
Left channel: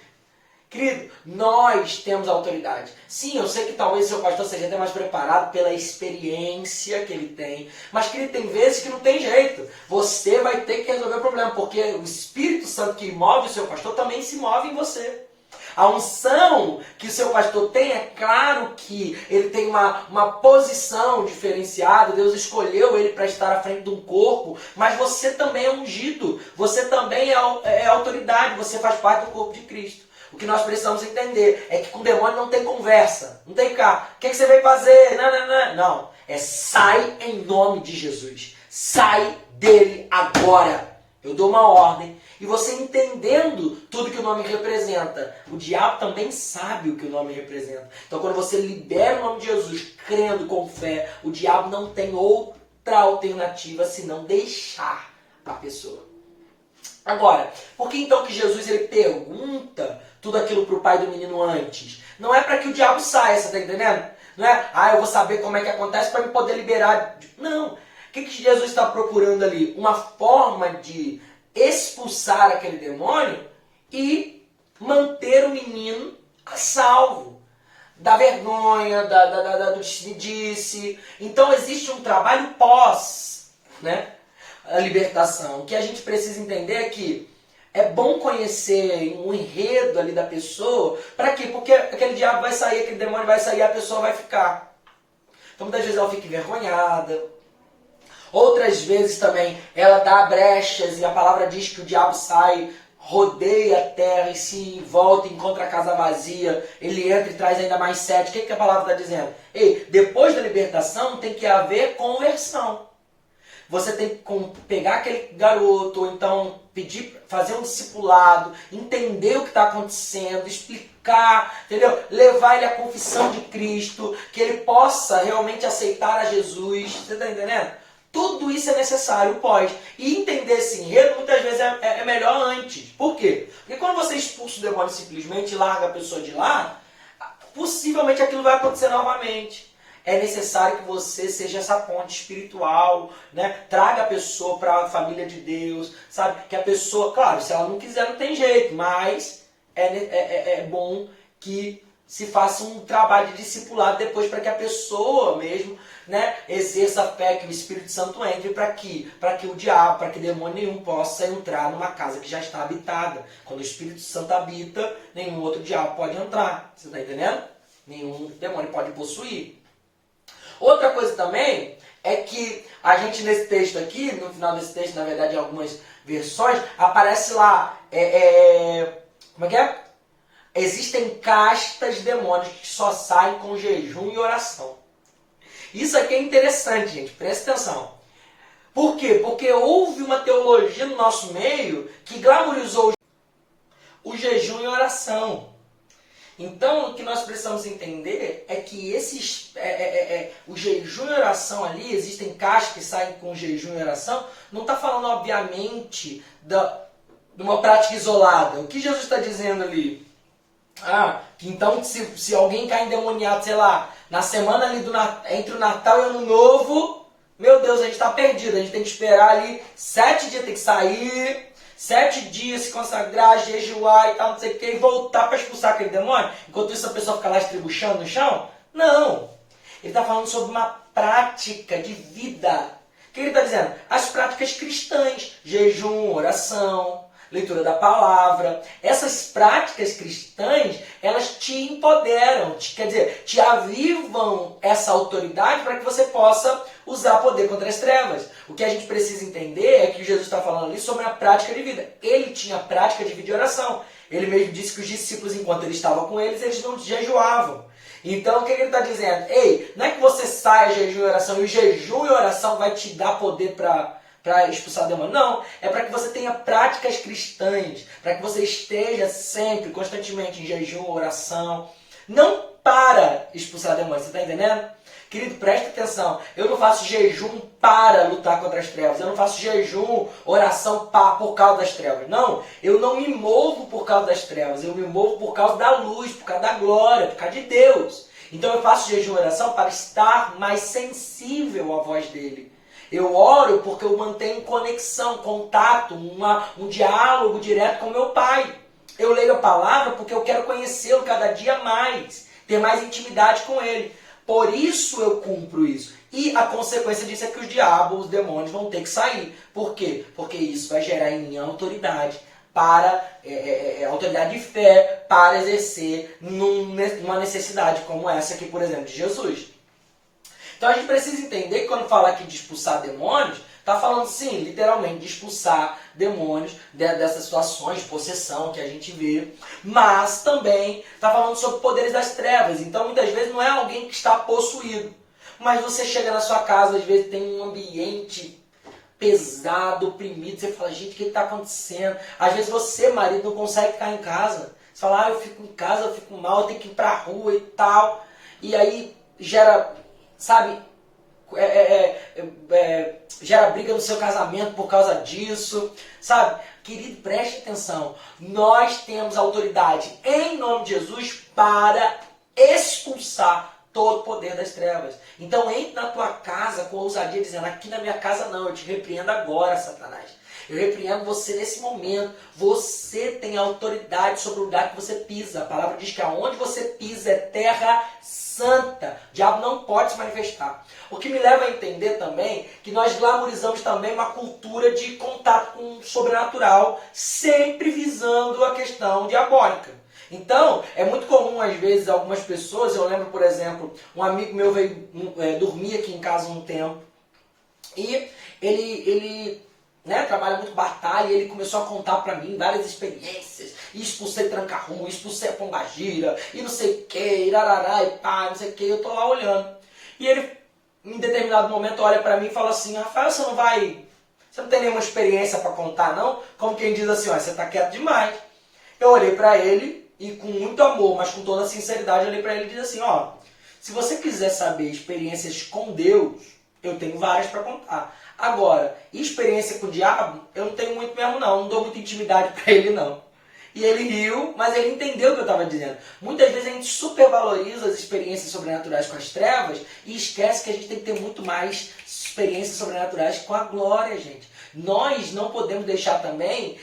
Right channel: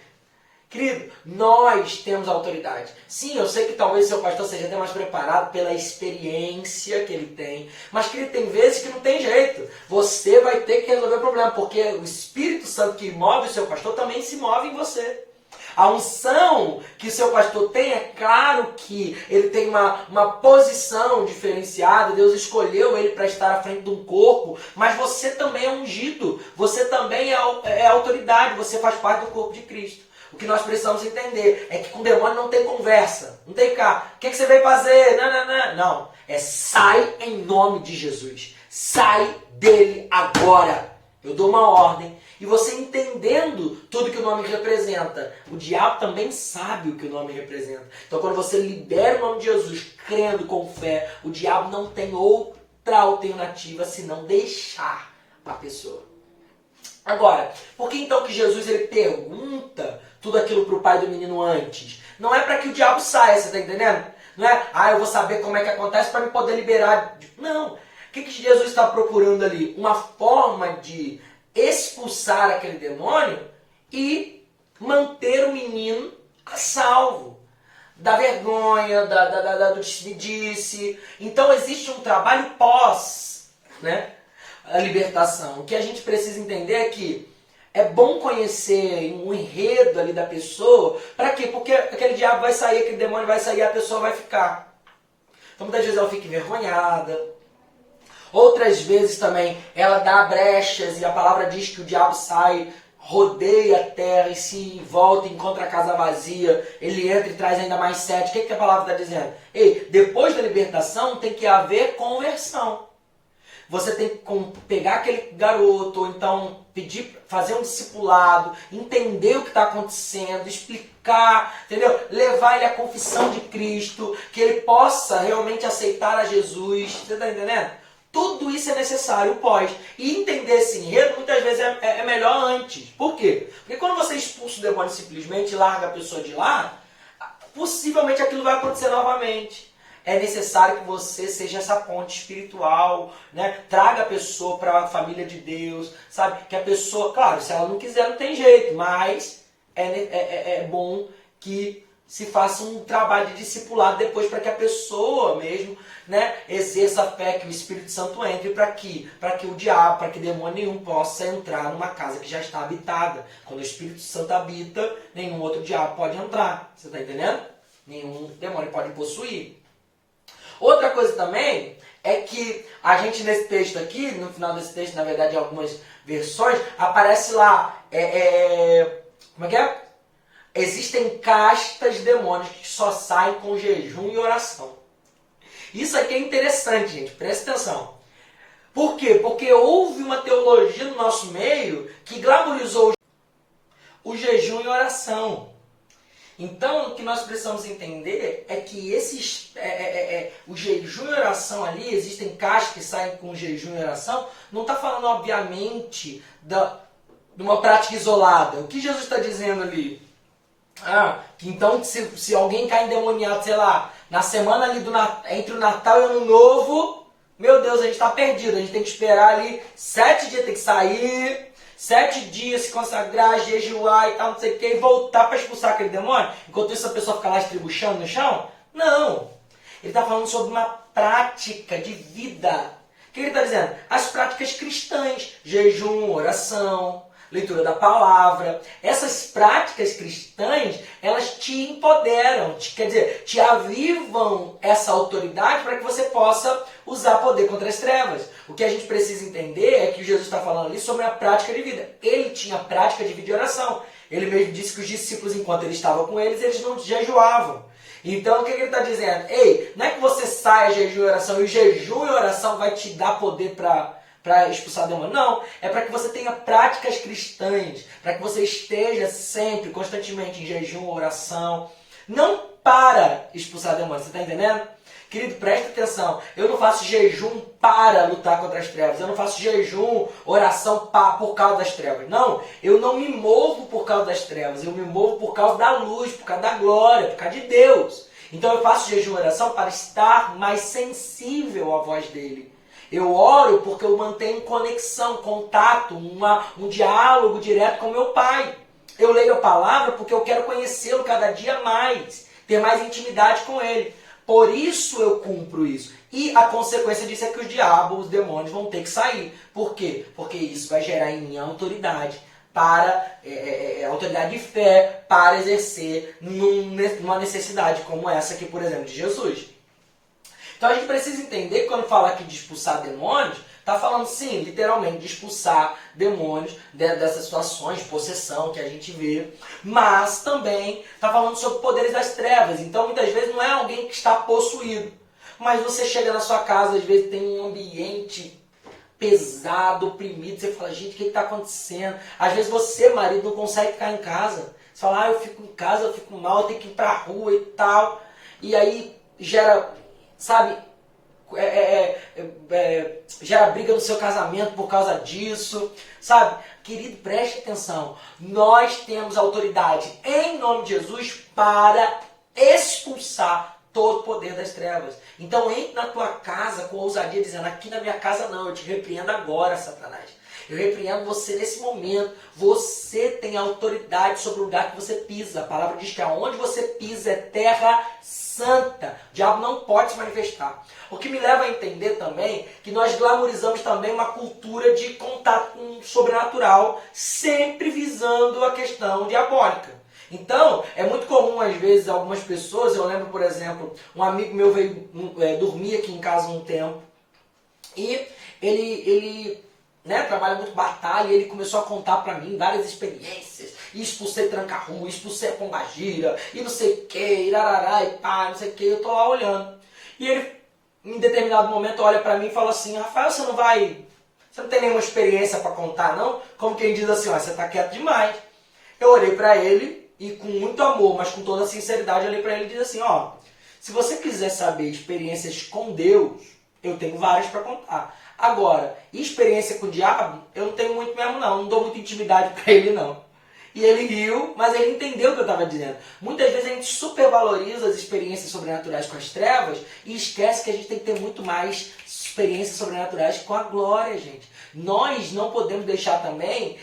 Querido, nós temos autoridade. Sim, eu sei que talvez o seu pastor seja até mais preparado pela experiência que ele tem. Mas, querido, tem vezes que não tem jeito. Você vai ter que resolver o problema, porque o Espírito Santo que move o seu pastor também se move em você. A unção que o seu pastor tem, é claro que ele tem uma posição diferenciada. Deus escolheu ele para estar à frente de um corpo, mas você também é ungido. Você também é autoridade, você faz parte do corpo de Cristo. O que nós precisamos entender é que com o demônio não tem conversa. Não tem cá. O que você veio fazer? Não. É sai em nome de Jesus. Sai dele agora. Eu dou uma ordem. E você entendendo tudo que o nome representa. O diabo também sabe o que o nome representa. Então quando você libera o nome de Jesus, crendo com fé, o diabo não tem outra alternativa senão deixar a pessoa. Agora, por que então que Jesus ele pergunta tudo aquilo para o pai do menino antes? Não é para que o diabo saia, você está entendendo? Não é, eu vou saber como é que acontece para me poder liberar. Não. O que Jesus está procurando ali? Uma forma de expulsar aquele demônio e manter o menino a salvo. Da vergonha, do disse. Então existe um trabalho pós, né? A libertação. O que a gente precisa entender é que é bom conhecer um enredo ali da pessoa. Para quê? Porque aquele diabo vai sair, aquele demônio vai sair e a pessoa vai ficar. Então muitas vezes ela fica envergonhada. Outras vezes também ela dá brechas e a palavra diz que o diabo sai, rodeia a terra e se volta e encontra a casa vazia. Ele entra e traz ainda mais sede. O que a palavra está dizendo? Ei, depois da libertação tem que haver conversão. Você tem que pegar aquele garoto, ou então pedir, fazer um discipulado, entender o que está acontecendo, explicar, entendeu? Levar ele à confissão de Cristo, que ele possa realmente aceitar a Jesus. Você está entendendo? Tudo isso é necessário pós. E entender esse enredo muitas vezes é melhor antes. Por quê? Porque quando você expulsa o demônio simplesmente e larga a pessoa de lá, possivelmente aquilo vai acontecer novamente. É necessário que você seja essa ponte espiritual, né? Traga a pessoa para a família de Deus, sabe? Que a pessoa, claro, se ela não quiser não tem jeito, mas é bom que se faça um trabalho de discipulado depois para que a pessoa mesmo, né, exerça a fé, que o Espírito Santo entre para que o diabo, para que demônio nenhum possa entrar numa casa que já está habitada. Quando o Espírito Santo habita, nenhum outro diabo pode entrar. Você está entendendo? Nenhum demônio pode possuir. Outra coisa também é que a gente nesse texto aqui, no final desse texto, na verdade em algumas versões, aparece lá, como é que é? Existem castas de demônios que só saem com jejum e oração. Isso aqui é interessante, gente. Presta atenção. Por quê? Porque houve uma teologia no nosso meio que glamorizou o jejum e oração. Então, o que nós precisamos entender é que o jejum e oração ali, existem castas que saem com jejum e oração, não está falando, obviamente, de uma prática isolada. O que Jesus está dizendo ali? Que então se alguém cai endemoniado, sei lá, na semana ali entre o Natal e o Ano Novo, meu Deus, a gente está perdido. A gente tem que esperar ali 7 dias, tem que sair, 7 dias, se consagrar, jejuar e tal, não sei o que, e voltar para expulsar aquele demônio. Enquanto isso a pessoa fica lá estribuchando no chão? Não. Ele está falando sobre uma prática de vida. O que ele está dizendo? As práticas cristãs, jejum, oração, leitura da palavra. Essas práticas cristãs, elas te empoderam, quer dizer, te avivam essa autoridade para que você possa usar poder contra as trevas. O que a gente precisa entender é que Jesus está falando ali sobre a prática de vida. Ele tinha prática de vida e oração. Ele mesmo disse que os discípulos, enquanto ele estava com eles não jejuavam. Então, o que ele está dizendo? Ei, não é que você saia jejum e oração, e o jejum e oração vai te dar poder para expulsar demônio. Não, é para que você tenha práticas cristãs, para que você esteja sempre, constantemente em jejum, oração, não para expulsar demônio. Você está entendendo? Querido, preste atenção. Eu não faço jejum para lutar contra as trevas. Eu não faço jejum, oração por causa das trevas. Não, eu não me movo por causa das trevas. Eu me movo por causa da luz, por causa da glória, por causa de Deus. Então eu faço jejum e oração para estar mais sensível à voz dele. Eu oro porque eu mantenho conexão, contato, um diálogo direto com meu Pai. Eu leio a palavra porque eu quero conhecê-lo cada dia mais, ter mais intimidade com ele. Por isso eu cumpro isso. E a consequência disso é que os diabos, os demônios vão ter que sair. Por quê? Porque isso vai gerar em mim autoridade autoridade de fé para exercer numa necessidade como essa aqui, por exemplo, de Jesus. Então a gente precisa entender que quando fala aqui de expulsar demônios, está falando sim, literalmente, de expulsar demônios dessas situações de possessão que a gente vê, mas também está falando sobre poderes das trevas. Então muitas vezes não é alguém que está possuído, mas você chega na sua casa, às vezes tem um ambiente pesado, oprimido, você fala, gente, o que está acontecendo? Às vezes você, marido, não consegue ficar em casa. Você fala, eu fico em casa, eu fico mal, eu tenho que ir para a rua e tal. E aí gera, sabe, gera briga no seu casamento por causa disso, sabe? Querido, preste atenção. Nós temos autoridade em nome de Jesus para expulsar todo o poder das trevas. Então entre na tua casa com ousadia dizendo, aqui na minha casa não, eu te repreendo agora, Satanás. Eu repreendo você nesse momento. Você tem autoridade sobre o lugar que você pisa. A palavra diz que aonde você pisa é terra santa. O diabo não pode se manifestar. O que me leva a entender também que nós glamorizamos também uma cultura de contato com o sobrenatural, sempre visando a questão diabólica. Então, é muito comum, às vezes, algumas pessoas, eu lembro, por exemplo, um amigo meu veio dormir aqui em casa um tempo, e ele trabalha muito batalha, e ele começou a contar pra mim várias experiências, e expulsei tranca-rua, expulsei a pombagira, e não sei o que, irarará, e pá, não sei o que, eu tô lá olhando. E ele, em determinado momento, olha pra mim e fala assim, Rafael, você não tem nenhuma experiência pra contar, não? Como quem diz assim, ó, você tá quieto demais. Eu olhei pra ele, e com muito amor, mas com toda a sinceridade, eu olhei para ele e disse assim, ó, se você quiser saber experiências com Deus, eu tenho várias para contar. Agora, experiência com o diabo, eu não tenho muito mesmo não dou muita intimidade para ele não. E ele riu, mas ele entendeu o que eu estava dizendo. Muitas vezes a gente supervaloriza as experiências sobrenaturais com as trevas e esquece que a gente tem que ter muito mais experiências sobrenaturais com a glória, gente. Nós não podemos deixar também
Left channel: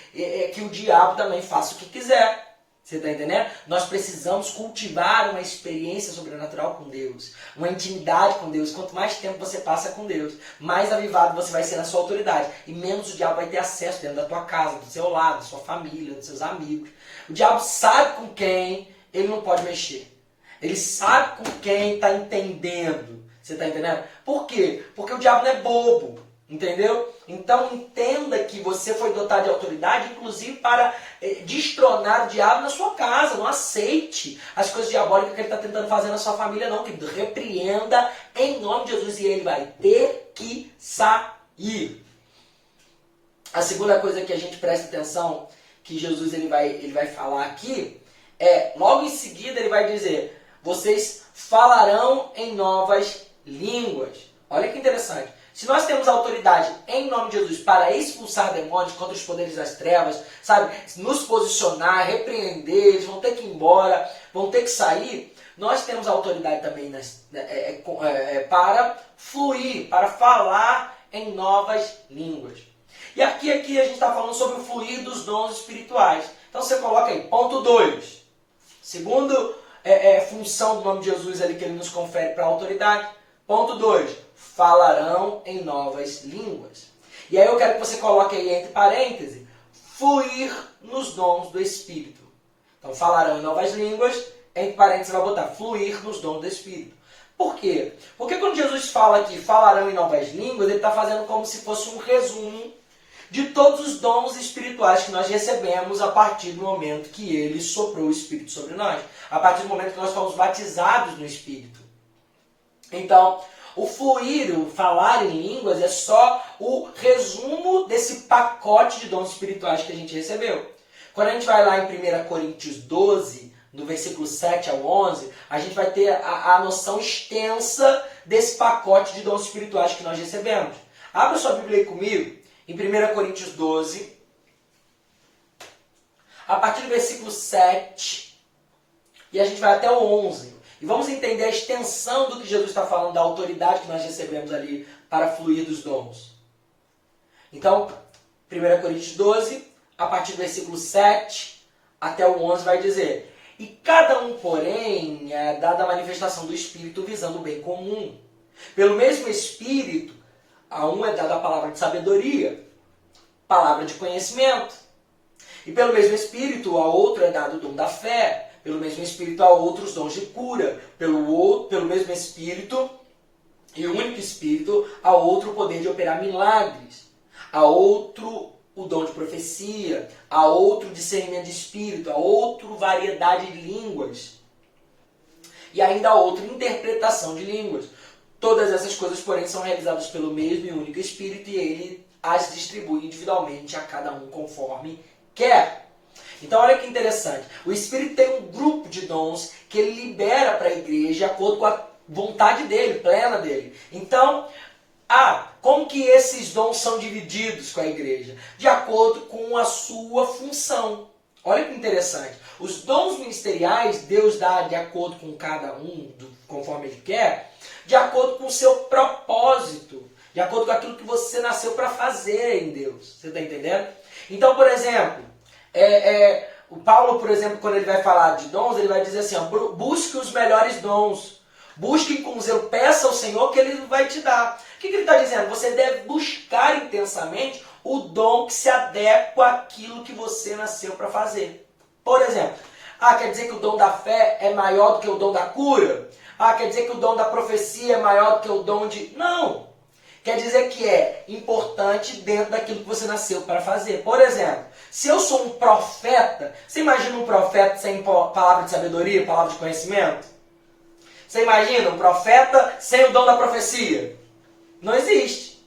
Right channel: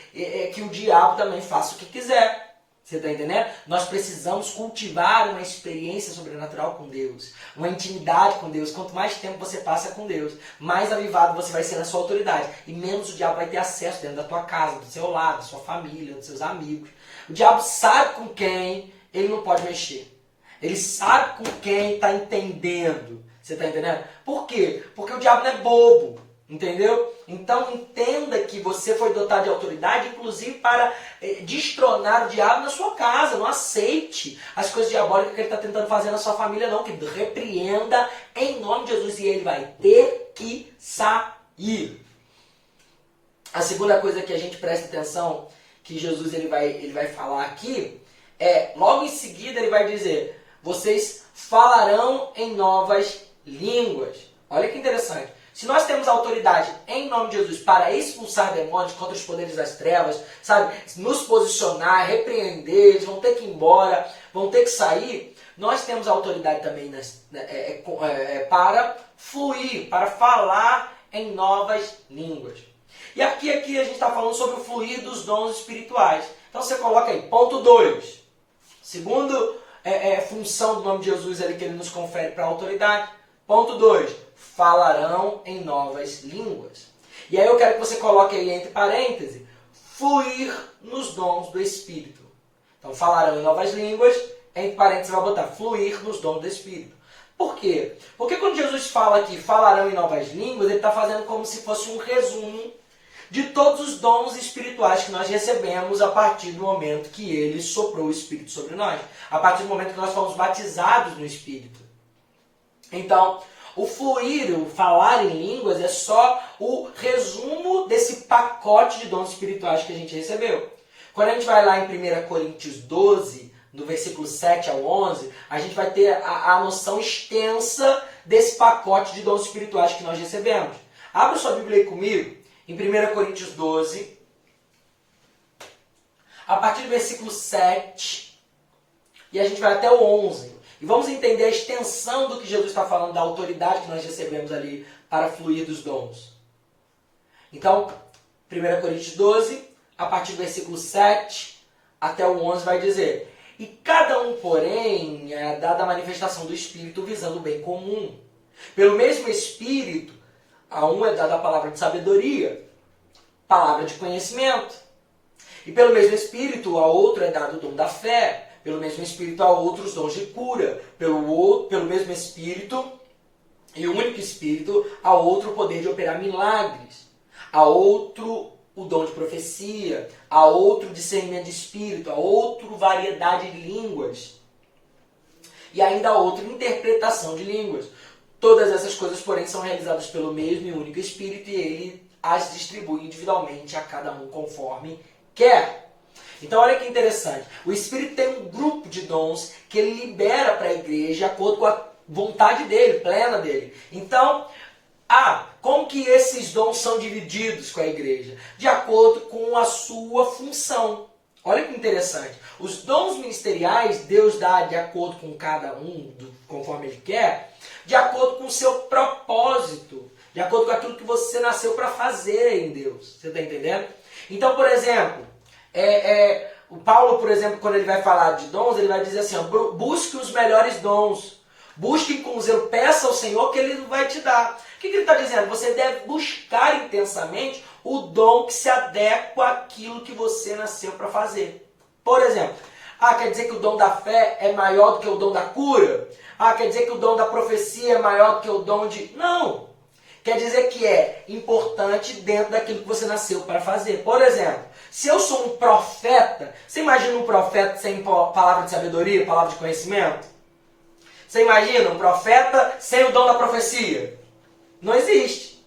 que o diabo também faça o que quiser. Você está entendendo? Nós precisamos cultivar uma experiência sobrenatural com Deus, uma intimidade com Deus. Quanto mais tempo você passa com Deus, mais avivado você vai ser na sua autoridade e menos o diabo vai ter acesso dentro da tua casa, do seu lado, da sua família, dos seus amigos. O diabo sabe com quem ele não pode mexer. Ele sabe com quem está entendendo. Você está entendendo? Por quê? Porque o diabo não é bobo. Entendeu? Então entenda que você foi dotado de autoridade, inclusive para destronar o diabo na sua casa. Não aceite as coisas diabólicas que ele está tentando fazer na sua família, não. Que repreenda em nome de Jesus e ele vai ter que sair. A segunda coisa que a gente presta atenção, que Jesus ele vai falar aqui, logo em seguida ele vai dizer: vocês falarão em novas línguas. Olha que interessante. Se nós temos autoridade em nome de Jesus para expulsar demônios contra os poderes das trevas, sabe, nos posicionar, repreender, eles vão ter que ir embora, vão ter que sair, nós temos autoridade também para fluir, para falar em novas línguas. E aqui a gente está falando sobre o fluir dos dons espirituais. Então você coloca aí, ponto 2. Segundo função do nome de Jesus ali que ele nos confere para a autoridade. Ponto 2. Falarão em novas línguas. E aí eu quero que você coloque aí entre parênteses, fluir nos dons do Espírito. Então, falarão em novas línguas, entre parênteses vai botar fluir nos dons do Espírito. Por quê? Porque quando Jesus fala aqui, falarão em novas línguas, ele está fazendo como se fosse um resumo de todos os dons espirituais que nós recebemos a partir do momento que ele soprou o Espírito sobre nós. A partir do momento que nós fomos batizados no Espírito. Então, o fluir, o falar em línguas é só o resumo desse pacote de dons espirituais que a gente recebeu. Quando a gente vai lá em 1 Coríntios 12, no versículo 7 ao 11, a gente vai ter a noção extensa desse pacote de dons espirituais que nós recebemos. Abra sua Bíblia aí comigo, em 1 Coríntios 12, a partir do versículo 7, e a gente vai até o 11. E vamos entender a extensão do que Jesus está falando, da autoridade que nós recebemos ali para fluir dos dons. Então, 1 Coríntios 12, a partir do versículo 7 até o 11 vai dizer: e cada um, porém, é dada a manifestação do Espírito visando o bem comum. Pelo mesmo Espírito, a um é dada a palavra de sabedoria, palavra de conhecimento. E pelo mesmo Espírito, a outro é dado o dom da fé. Pelo mesmo Espírito, a outros dons de cura. Pelo mesmo Espírito, e único Espírito, a outro o poder de operar milagres. A outro o dom de profecia. A outro discernimento de espírito. A outro variedade de línguas. E ainda a outra interpretação de línguas. Todas essas coisas, porém, são realizadas pelo mesmo e único Espírito, e ele as distribui individualmente a cada um conforme quer. Então olha que interessante, o Espírito tem um grupo de dons que ele libera para a igreja de acordo com a vontade dele, plena dele. Então, como que esses dons são divididos com a igreja? De acordo com a sua função. Olha que interessante, os dons ministeriais Deus dá de acordo com cada um, conforme ele quer, de acordo com o seu propósito, de acordo com aquilo que você nasceu para fazer em Deus. Você está entendendo? Então, por exemplo, o Paulo, por exemplo, quando ele vai falar de dons, ele vai dizer assim, busque os melhores dons, busque com zelo, peça ao Senhor que ele vai te dar. O que ele está dizendo? Você deve buscar intensamente o dom que se adequa àquilo que você nasceu para fazer. Por exemplo, quer dizer que o dom da fé é maior do que o dom da cura? Quer dizer que o dom da profecia é maior do que o dom de... Não! Quer dizer que é importante dentro daquilo que você nasceu para fazer. Por exemplo, se eu sou um profeta, você imagina um profeta sem palavra de sabedoria, palavra de conhecimento? Você imagina um profeta sem o dom da profecia? Não existe.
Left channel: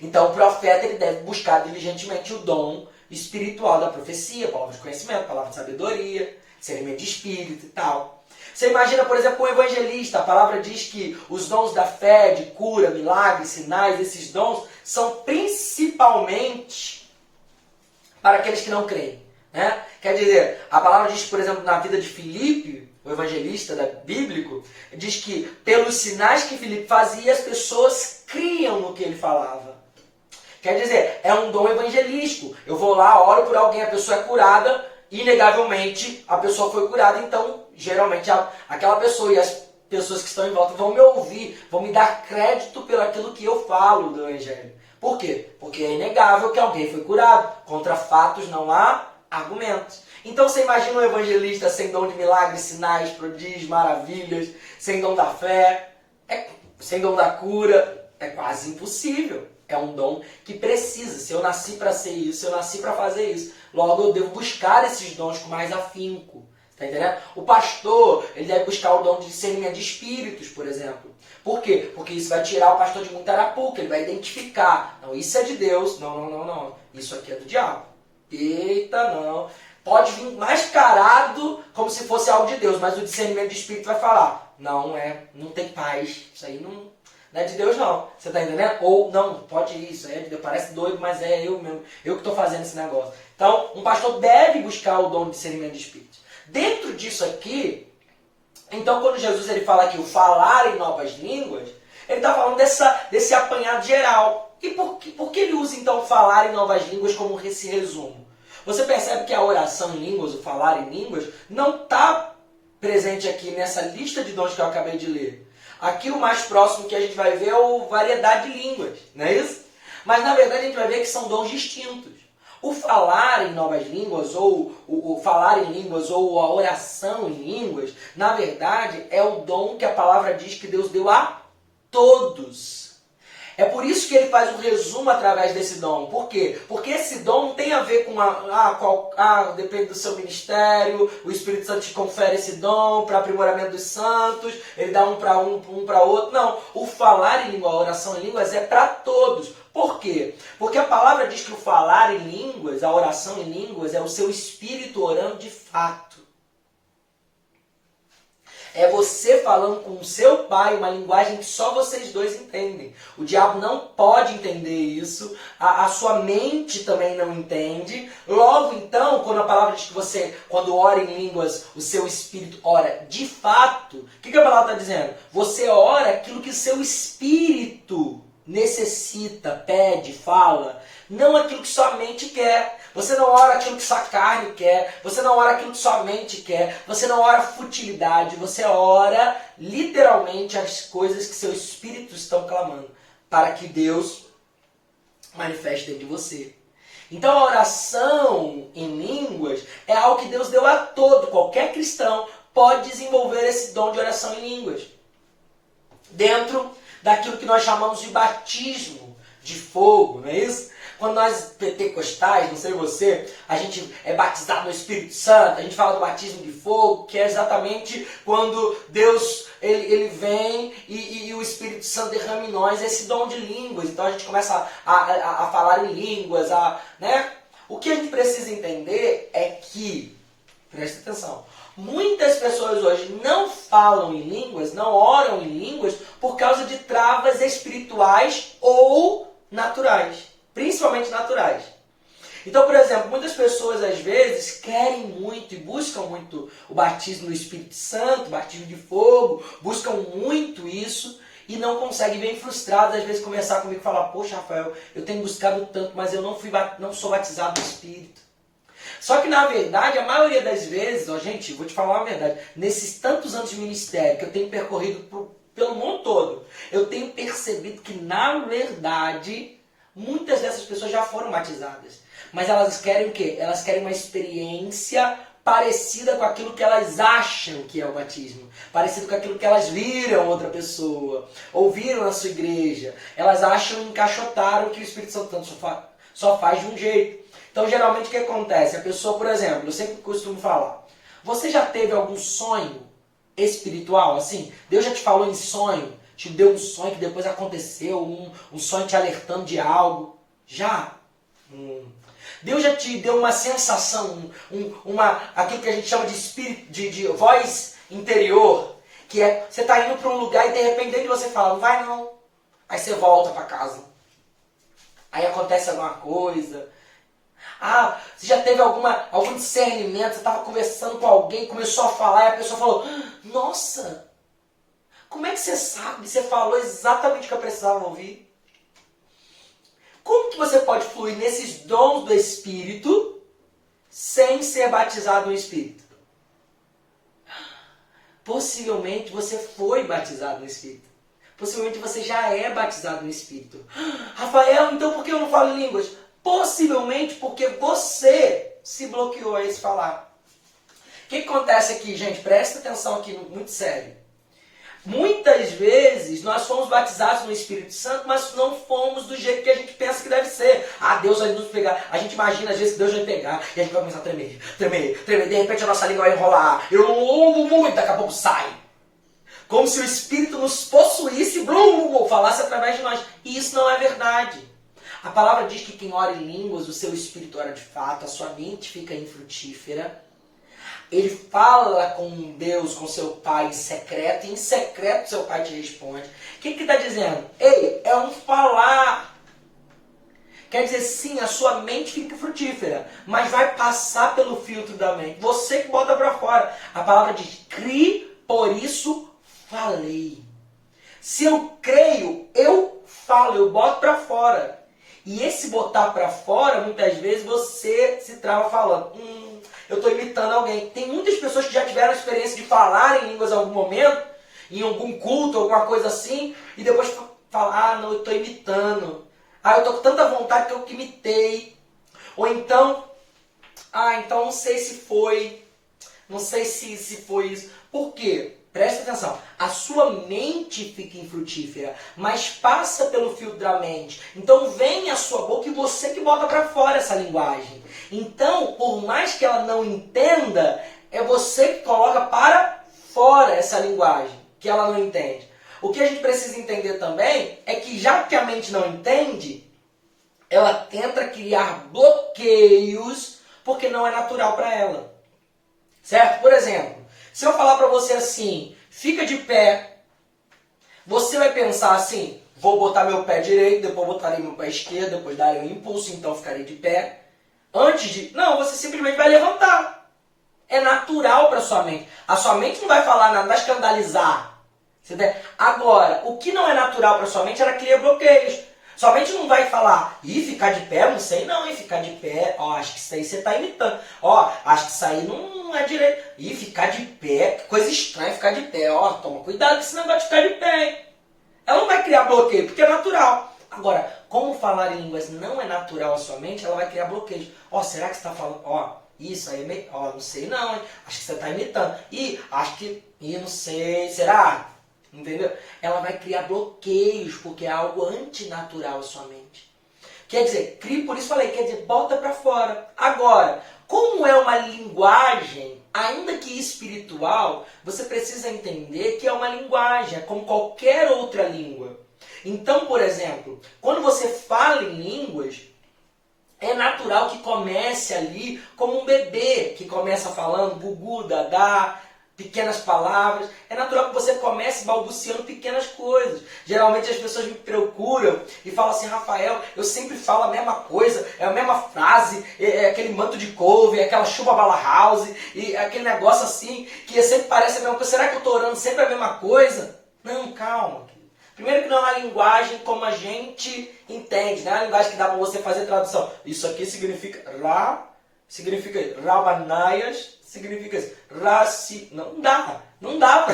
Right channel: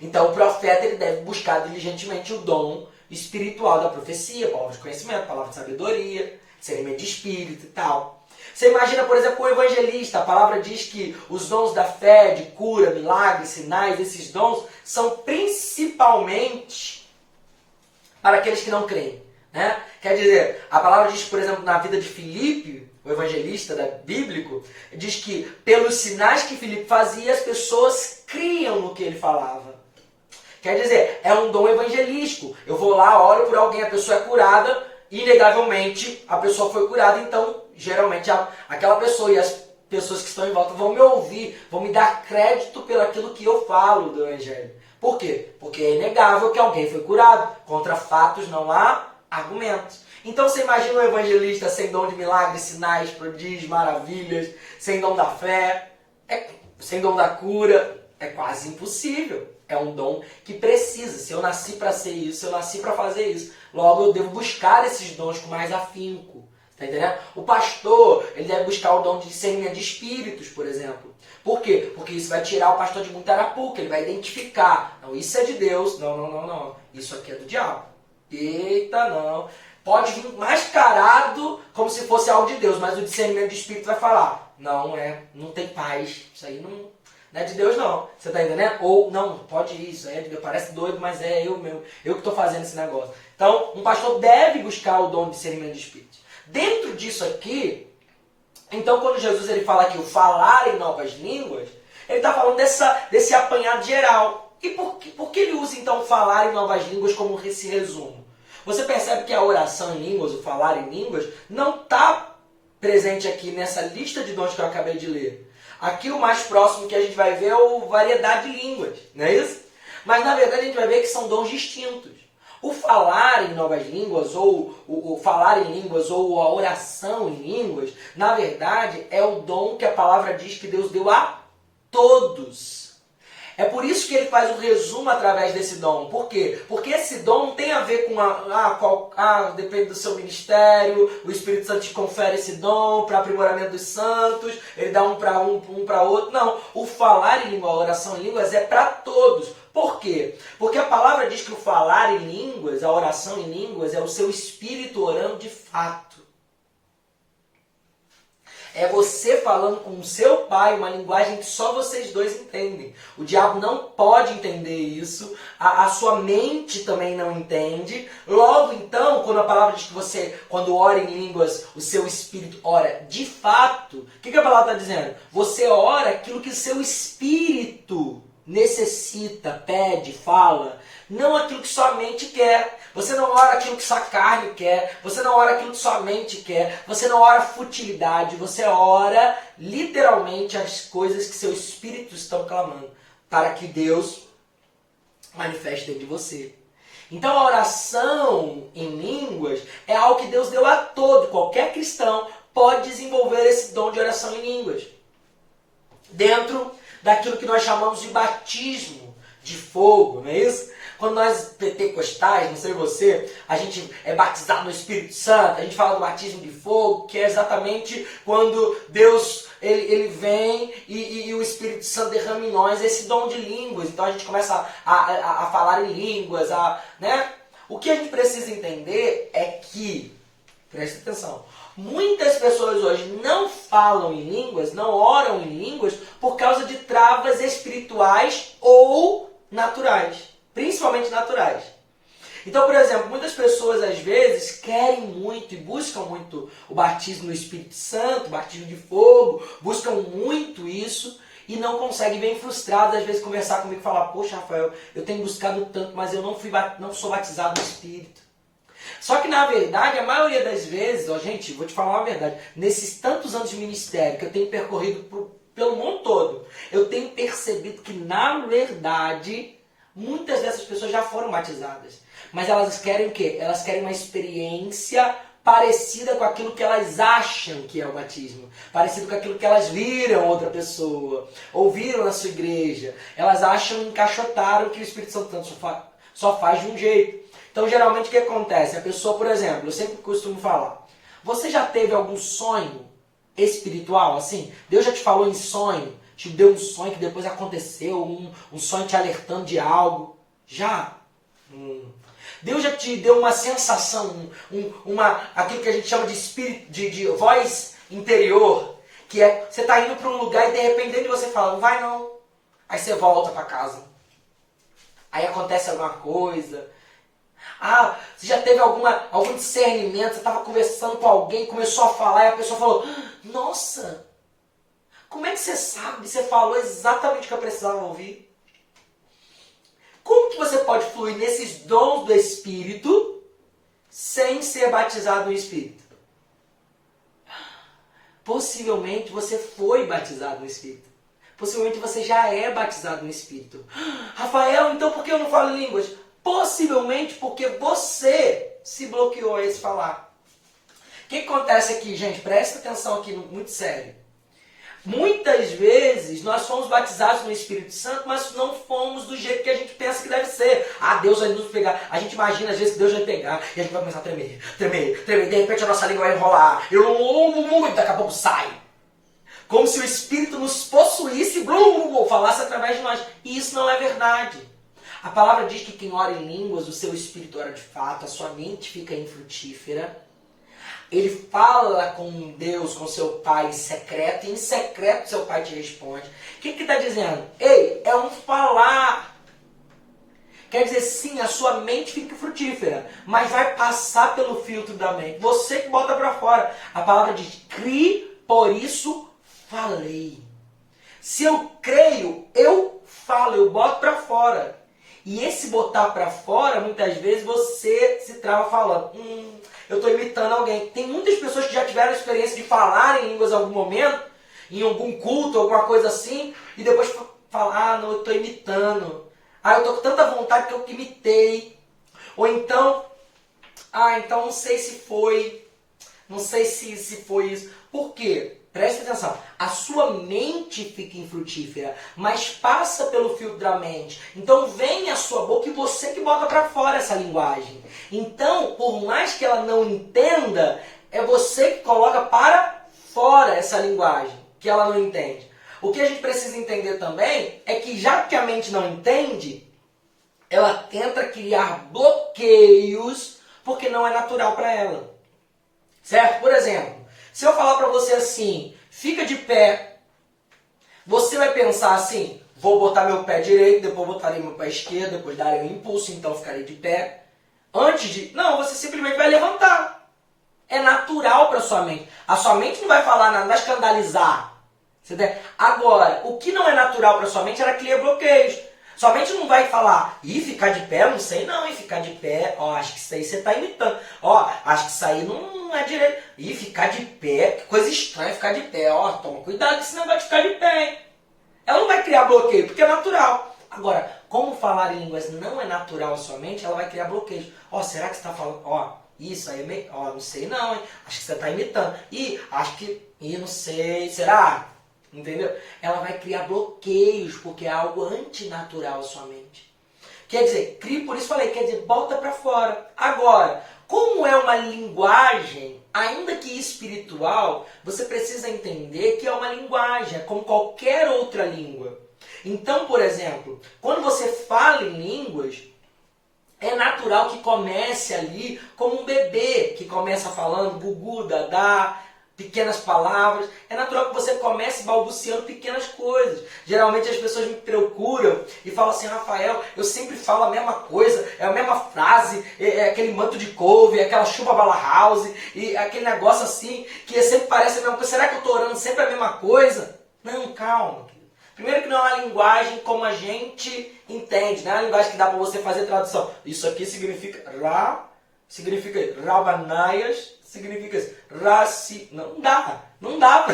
Então o profeta ele deve buscar diligentemente o dom espiritual da profecia, palavra de conhecimento, palavra de sabedoria, discernimento de espírito e tal. Você imagina, por exemplo, o evangelista. A palavra diz que os dons da fé, de cura, milagres, sinais, esses dons são principalmente para aqueles que não creem. Né? Quer dizer, a palavra diz, por exemplo, na vida de Filipe, o evangelista bíblico, diz que pelos sinais que Filipe fazia, as pessoas criam no que ele falava. Quer dizer, é um dom evangelístico. Eu vou lá, oro por alguém, a pessoa é curada, inegavelmente a pessoa foi curada, então geralmente aquela pessoa e as pessoas que estão em volta vão me ouvir, vão me dar crédito pelo aquilo que eu falo do Evangelho. Por quê? Porque é inegável que alguém foi curado. Contra fatos não há argumentos. Então você imagina um evangelista sem dom de milagres, sinais, prodígios, maravilhas, sem dom da fé, sem dom da cura, é quase impossível. É um dom que precisa. Se eu nasci para ser isso, eu nasci para fazer isso. Logo eu devo buscar esses dons com mais afinco. Tá entendendo? O pastor, ele deve buscar o dom de discernimento de espíritos, por exemplo. Por quê? Porque isso vai tirar o pastor de muita arapuca, ele vai identificar. Não, isso é de Deus. Não. Isso aqui é do diabo. Eita, não. Pode vir mascarado como se fosse algo de Deus, mas o discernimento de espírito vai falar. Não tem paz. Isso aí não é de Deus, não. Você tá entendendo? Ou, não, pode ir, isso aí é de Deus. Parece doido, mas é eu mesmo. Eu que estou fazendo esse negócio. Então, um pastor deve buscar o dom de discernimento de espírito. Dentro disso aqui, então quando Jesus ele fala que o falar em novas línguas, ele está falando desse apanhado geral. E por que ele usa então falar em novas línguas como esse resumo? Você percebe que a oração em línguas, o falar em línguas, não está presente aqui nessa lista de dons que eu acabei de ler. Aqui o mais próximo que a gente vai ver é a variedade de línguas, não é isso? Mas na verdade a gente vai ver que são dons distintos. O falar em novas línguas, ou o falar em línguas, ou a oração em línguas, na verdade é o dom que a palavra diz que Deus deu a todos. É por isso que ele faz um resumo através desse dom. Por quê? Porque esse dom não tem a ver com depende do seu ministério, o Espírito Santo te confere esse dom para aprimoramento dos santos, ele dá um para outro. Não, o falar em língua, a oração em línguas é para todos. Por quê? Porque a palavra diz que o falar em línguas, a oração em línguas, é o seu espírito orando de fato. É você falando com o seu pai uma linguagem que só vocês dois entendem. O diabo não pode entender isso, a sua mente também não entende. Logo então, quando a palavra diz que você, quando ora em línguas, o seu espírito ora de fato, o que a palavra está dizendo? Você ora aquilo que o seu espírito necessita, pede, fala, não aquilo que sua mente quer. Você não ora aquilo que sua carne quer, você não ora aquilo que sua mente quer, você não ora futilidade, você ora literalmente as coisas que seu espírito estão clamando, para que Deus manifeste dentro de você. Então a oração em línguas é algo que Deus deu a todo, qualquer cristão pode desenvolver esse dom de oração em línguas. Dentro daquilo que nós chamamos de batismo de fogo, não é isso? Quando nós pentecostais, não sei você, a gente é batizado no Espírito Santo, a gente fala do batismo de fogo, que é exatamente quando Deus ele vem e o Espírito Santo derrama em nós esse dom de línguas. Então a gente começa a falar em línguas, né? O que a gente precisa entender é que, preste atenção, muitas pessoas hoje não falam em línguas, não oram em línguas por causa de travas espirituais ou naturais. Principalmente naturais. Então, por exemplo, muitas pessoas às vezes querem muito e buscam muito o batismo no Espírito Santo, o batismo de fogo, buscam muito isso e não conseguem, bem frustrados, às vezes conversar comigo e falar: poxa, Rafael, eu tenho buscado tanto, mas eu não sou batizado no Espírito. Só que na verdade, a maioria das vezes, gente, vou te falar uma verdade, nesses tantos anos de ministério que eu tenho percorrido pelo mundo todo, eu tenho percebido que na verdade muitas dessas pessoas já foram batizadas. Mas elas querem o quê? Elas querem uma experiência parecida com aquilo que elas acham que é o batismo. Parecido com aquilo que elas viram outra pessoa. Ouviram na sua igreja. Elas acham, encaixotaram que o Espírito Santo só faz de um jeito. Então, geralmente, o que acontece? A pessoa, por exemplo, eu sempre costumo falar: você já teve algum sonho espiritual? Assim, Deus já te falou em sonho? Te deu um sonho que depois aconteceu, um sonho te alertando de algo? Já? Deus já te deu uma sensação, aquilo que a gente chama de espírito, de voz interior, que é, você está indo para um lugar e de repente você fala: não vai não. Aí você volta para casa. Aí acontece alguma coisa. Você já teve algum discernimento, você estava conversando com alguém, começou a falar e a pessoa falou: nossa, como é que você sabe? Você falou exatamente o que eu precisava ouvir. Como que você pode fluir nesses dons do Espírito sem ser batizado no Espírito? Possivelmente você foi batizado no Espírito. Possivelmente você já é batizado no Espírito. Rafael, então por que eu não falo em línguas? Possivelmente porque você se bloqueou a esse falar. O que acontece aqui, gente? Presta atenção aqui, muito sério. Muitas vezes nós fomos batizados no Espírito Santo, mas não fomos do jeito que a gente pensa que deve ser. Ah, Deus vai nos pegar. A gente imagina às vezes que Deus vai pegar e a gente vai começar a tremer. De repente a nossa língua vai enrolar. Eu amo muito, daqui a pouco sai. Como se o Espírito nos possuísse, falasse através de nós. E isso não é verdade. A palavra diz que quem ora em línguas, o seu espírito ora de fato, a sua mente fica infrutífera. Ele fala com Deus, com seu Pai em secreto, e em secreto seu Pai te responde. O que está dizendo? Ei, é um falar. Quer dizer, sim, a sua mente fica frutífera, mas vai passar pelo filtro da mente. Você que bota para fora. A palavra diz, crie, por isso falei. Se eu creio, eu falo, eu boto para fora. E esse botar para fora, muitas vezes você se trava falando, eu estou imitando alguém. Tem muitas pessoas que já tiveram a experiência de falar em línguas em algum momento, em algum culto, alguma coisa assim, e depois falar, não, eu estou imitando. Eu estou com tanta vontade que eu imitei. Ou então, então não sei se foi, não sei se foi isso. Por quê? Presta atenção, a sua mente fica infrutífera, mas passa pelo filtro da mente. Então vem a sua boca e você que bota para fora essa linguagem. Então, por mais que ela não entenda, é você que coloca para fora essa linguagem, que ela não entende. O que a gente precisa entender também é que já que a mente não entende, ela tenta criar bloqueios porque não é natural para ela. Certo? Por exemplo, se eu falar para você assim, fica de pé, você vai pensar assim, vou botar meu pé direito, depois botarei meu pé esquerdo, depois darei um impulso, então ficarei de pé. Antes de... Não, você simplesmente vai levantar. É natural para sua mente. A sua mente não vai falar nada, não vai escandalizar. Agora, o que não é natural para sua mente, ela cria bloqueios. Sua mente não vai falar, ficar de pé, eu não sei não, ficar de pé, acho que isso aí você está imitando. Acho que isso aí não é direito. Ficar de pé, que coisa estranha ficar de pé. Toma cuidado com esse negócio de ficar de pé, hein? Ela não vai criar bloqueio, porque é natural. Agora, como falar em línguas não é natural à sua mente, ela vai criar bloqueios. Será que você está falando, isso aí é meio, não sei não, hein? Acho que você está imitando. Acho que, não sei, será? Entendeu? Ela vai criar bloqueios, porque é algo antinatural à sua mente. Quer dizer, crie, por isso falei, quer dizer, bota para fora. Agora, como é uma linguagem, ainda que espiritual, você precisa entender que é uma linguagem, é como qualquer outra língua. Então, por exemplo, quando você fala em línguas, é natural que comece ali como um bebê, que começa falando gugu, dadá, pequenas palavras. É natural que você comece balbuciando pequenas coisas. Geralmente as pessoas me procuram e falam assim, Rafael, eu sempre falo a mesma coisa, é a mesma frase, é aquele manto de couve, é aquela chuva bala house, e aquele negócio assim, que sempre parece a mesma coisa. Será que eu estou orando sempre a mesma coisa? Não, calma. Primeiro que não é uma linguagem como a gente entende, não é uma linguagem que dá para você fazer tradução. Isso aqui significa Rabanaias, significa isso. Não dá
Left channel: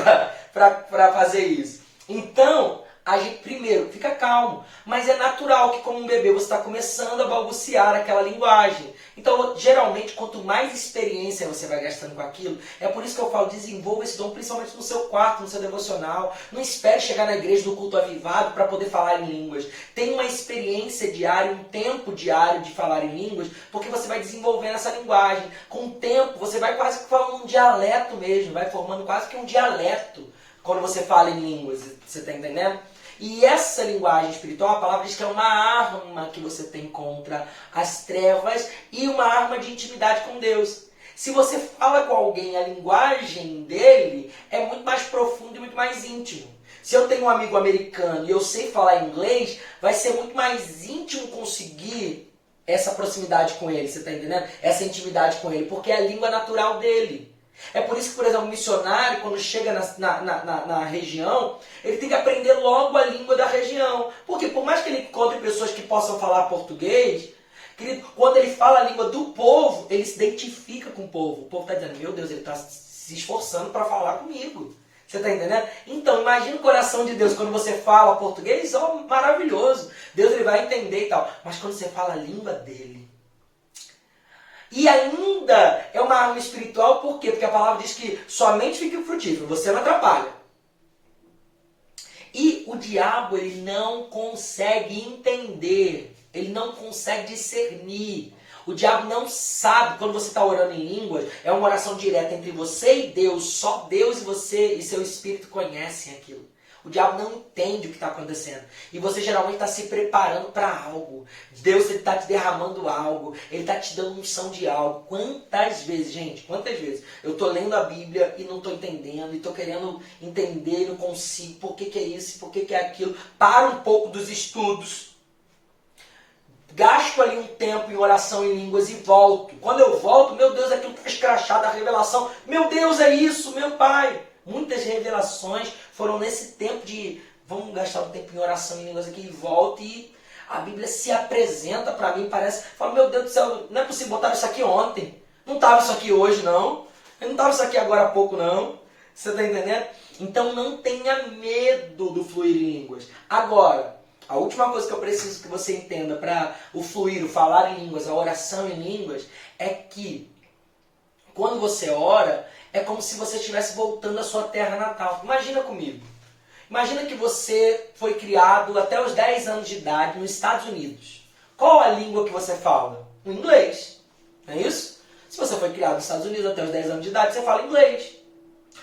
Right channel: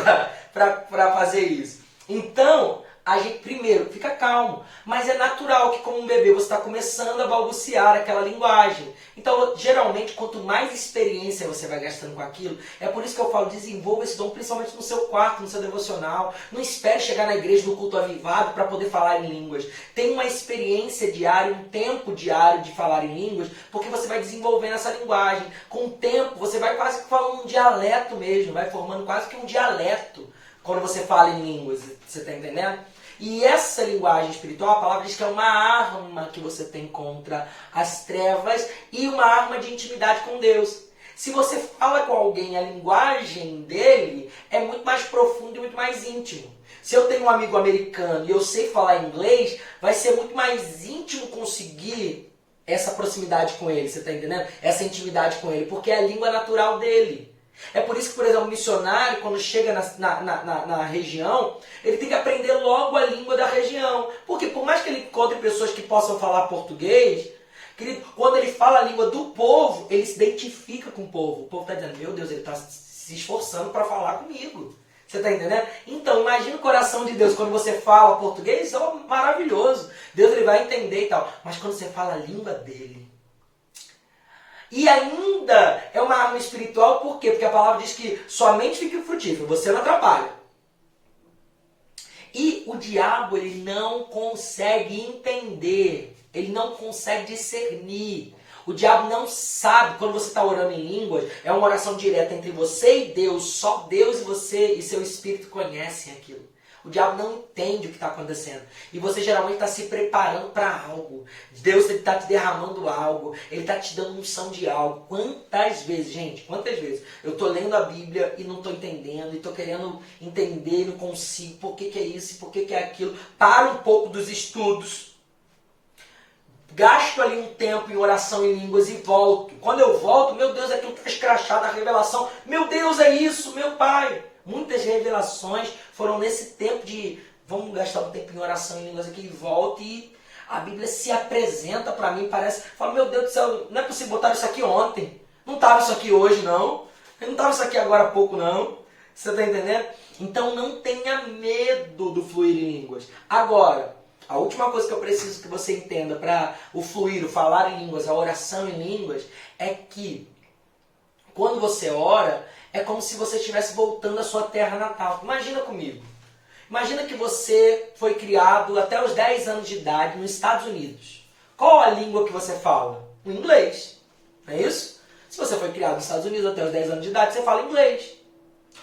para fazer isso. Então, a gente primeiro fica calmo, mas é natural que como um bebê você está começando a balbuciar aquela linguagem. Então, geralmente, quanto mais experiência você vai gastando com aquilo, é por isso que eu falo, desenvolva esse dom principalmente no seu quarto, no seu devocional. Não espere chegar na igreja do culto avivado para poder falar em línguas. Tenha uma experiência diária, um tempo diário de falar em línguas, porque você vai desenvolvendo essa linguagem. Com o tempo, você vai quase que falando um dialeto mesmo, vai formando quase que um dialeto quando você fala em línguas. Você está entendendo? E essa linguagem espiritual, a palavra diz que é uma arma que você tem contra as trevas e uma arma de intimidade com Deus. Se você fala com alguém a linguagem dele, é muito mais profundo e muito mais íntimo. Se eu tenho um amigo americano e eu sei falar inglês, vai ser muito mais íntimo conseguir essa proximidade com ele, você está entendendo? Essa intimidade com ele, porque é a língua natural dele. É por isso que, por exemplo, um missionário, quando chega na região, ele tem que aprender logo a língua da região. Porque por mais que ele encontre pessoas que possam falar português, Querido, quando ele fala a língua do povo, ele se identifica com o povo. O povo está dizendo, meu Deus, ele está se esforçando para falar comigo. Você está entendendo? Então, imagina o coração de Deus quando você fala português, ó, maravilhoso. Deus ele vai entender e tal. Mas quando você fala a língua dele, e ainda é uma arma espiritual, por quê? Porque a palavra diz que somente fique frutífero, você não atrapalha. E o diabo, ele não consegue entender, ele não consegue discernir. O diabo não sabe, quando você está orando em línguas, é uma oração direta entre você e Deus, só Deus e você e seu espírito conhecem aquilo. O diabo não entende o que está acontecendo. E você geralmente está se preparando para algo. Deus está te derramando algo. Ele está te dando unção de algo. Quantas vezes, gente, quantas vezes eu estou lendo a Bíblia e não estou entendendo. E estou querendo entender e não consigo. Por que é isso? Por que é aquilo? Para um pouco dos estudos. Gasto ali um tempo em oração em línguas e volto. Quando eu volto, meu Deus, aquilo está escrachado, a revelação. Meu Deus, é isso, meu Pai. Muitas revelações foram nesse tempo de vamos gastar um tempo em oração em línguas aqui e volto e a Bíblia se apresenta para mim, parece, fala, meu Deus do céu, não é possível botar isso aqui ontem, não estava isso aqui hoje não estava isso aqui agora há pouco não, você está entendendo? Então não tenha medo do fluir em línguas. Agora, a última coisa que eu preciso que você entenda para o fluir, o falar em línguas, a oração em línguas, é que quando você ora, é como se você estivesse voltando à sua terra natal. Imagina comigo. Imagina que você foi criado até os 10 anos de idade nos Estados Unidos. Qual a língua que você fala? O inglês. Não é isso? Se você foi criado nos Estados Unidos até os 10 anos de idade, você fala inglês.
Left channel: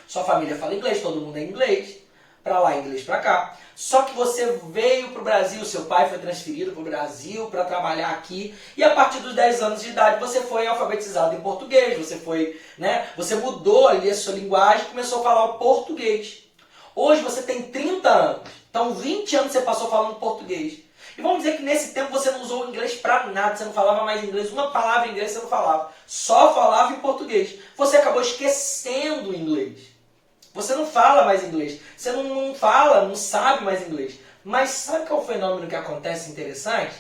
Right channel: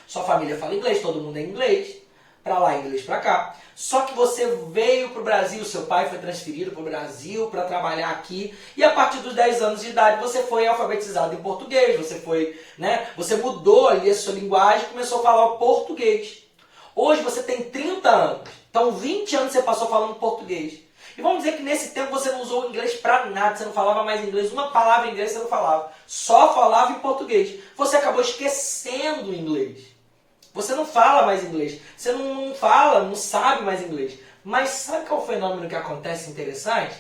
Sua família fala inglês, todo mundo é inglês. Para lá, inglês para cá. Só que você veio para o Brasil, seu pai foi transferido para o Brasil para trabalhar aqui. E a partir dos 10 anos de idade você foi alfabetizado em português. Você foi, você mudou ali a sua linguagem e começou a falar o português. Hoje você tem 30 anos. Então 20 anos você passou falando português. E vamos dizer que nesse tempo você não usou o inglês para nada. Você não falava mais inglês. Uma palavra em inglês você não falava. Só falava em português. Você acabou esquecendo o inglês. Você não fala mais inglês. Você não fala, não sabe mais inglês. Mas sabe qual é o fenômeno que acontece interessante?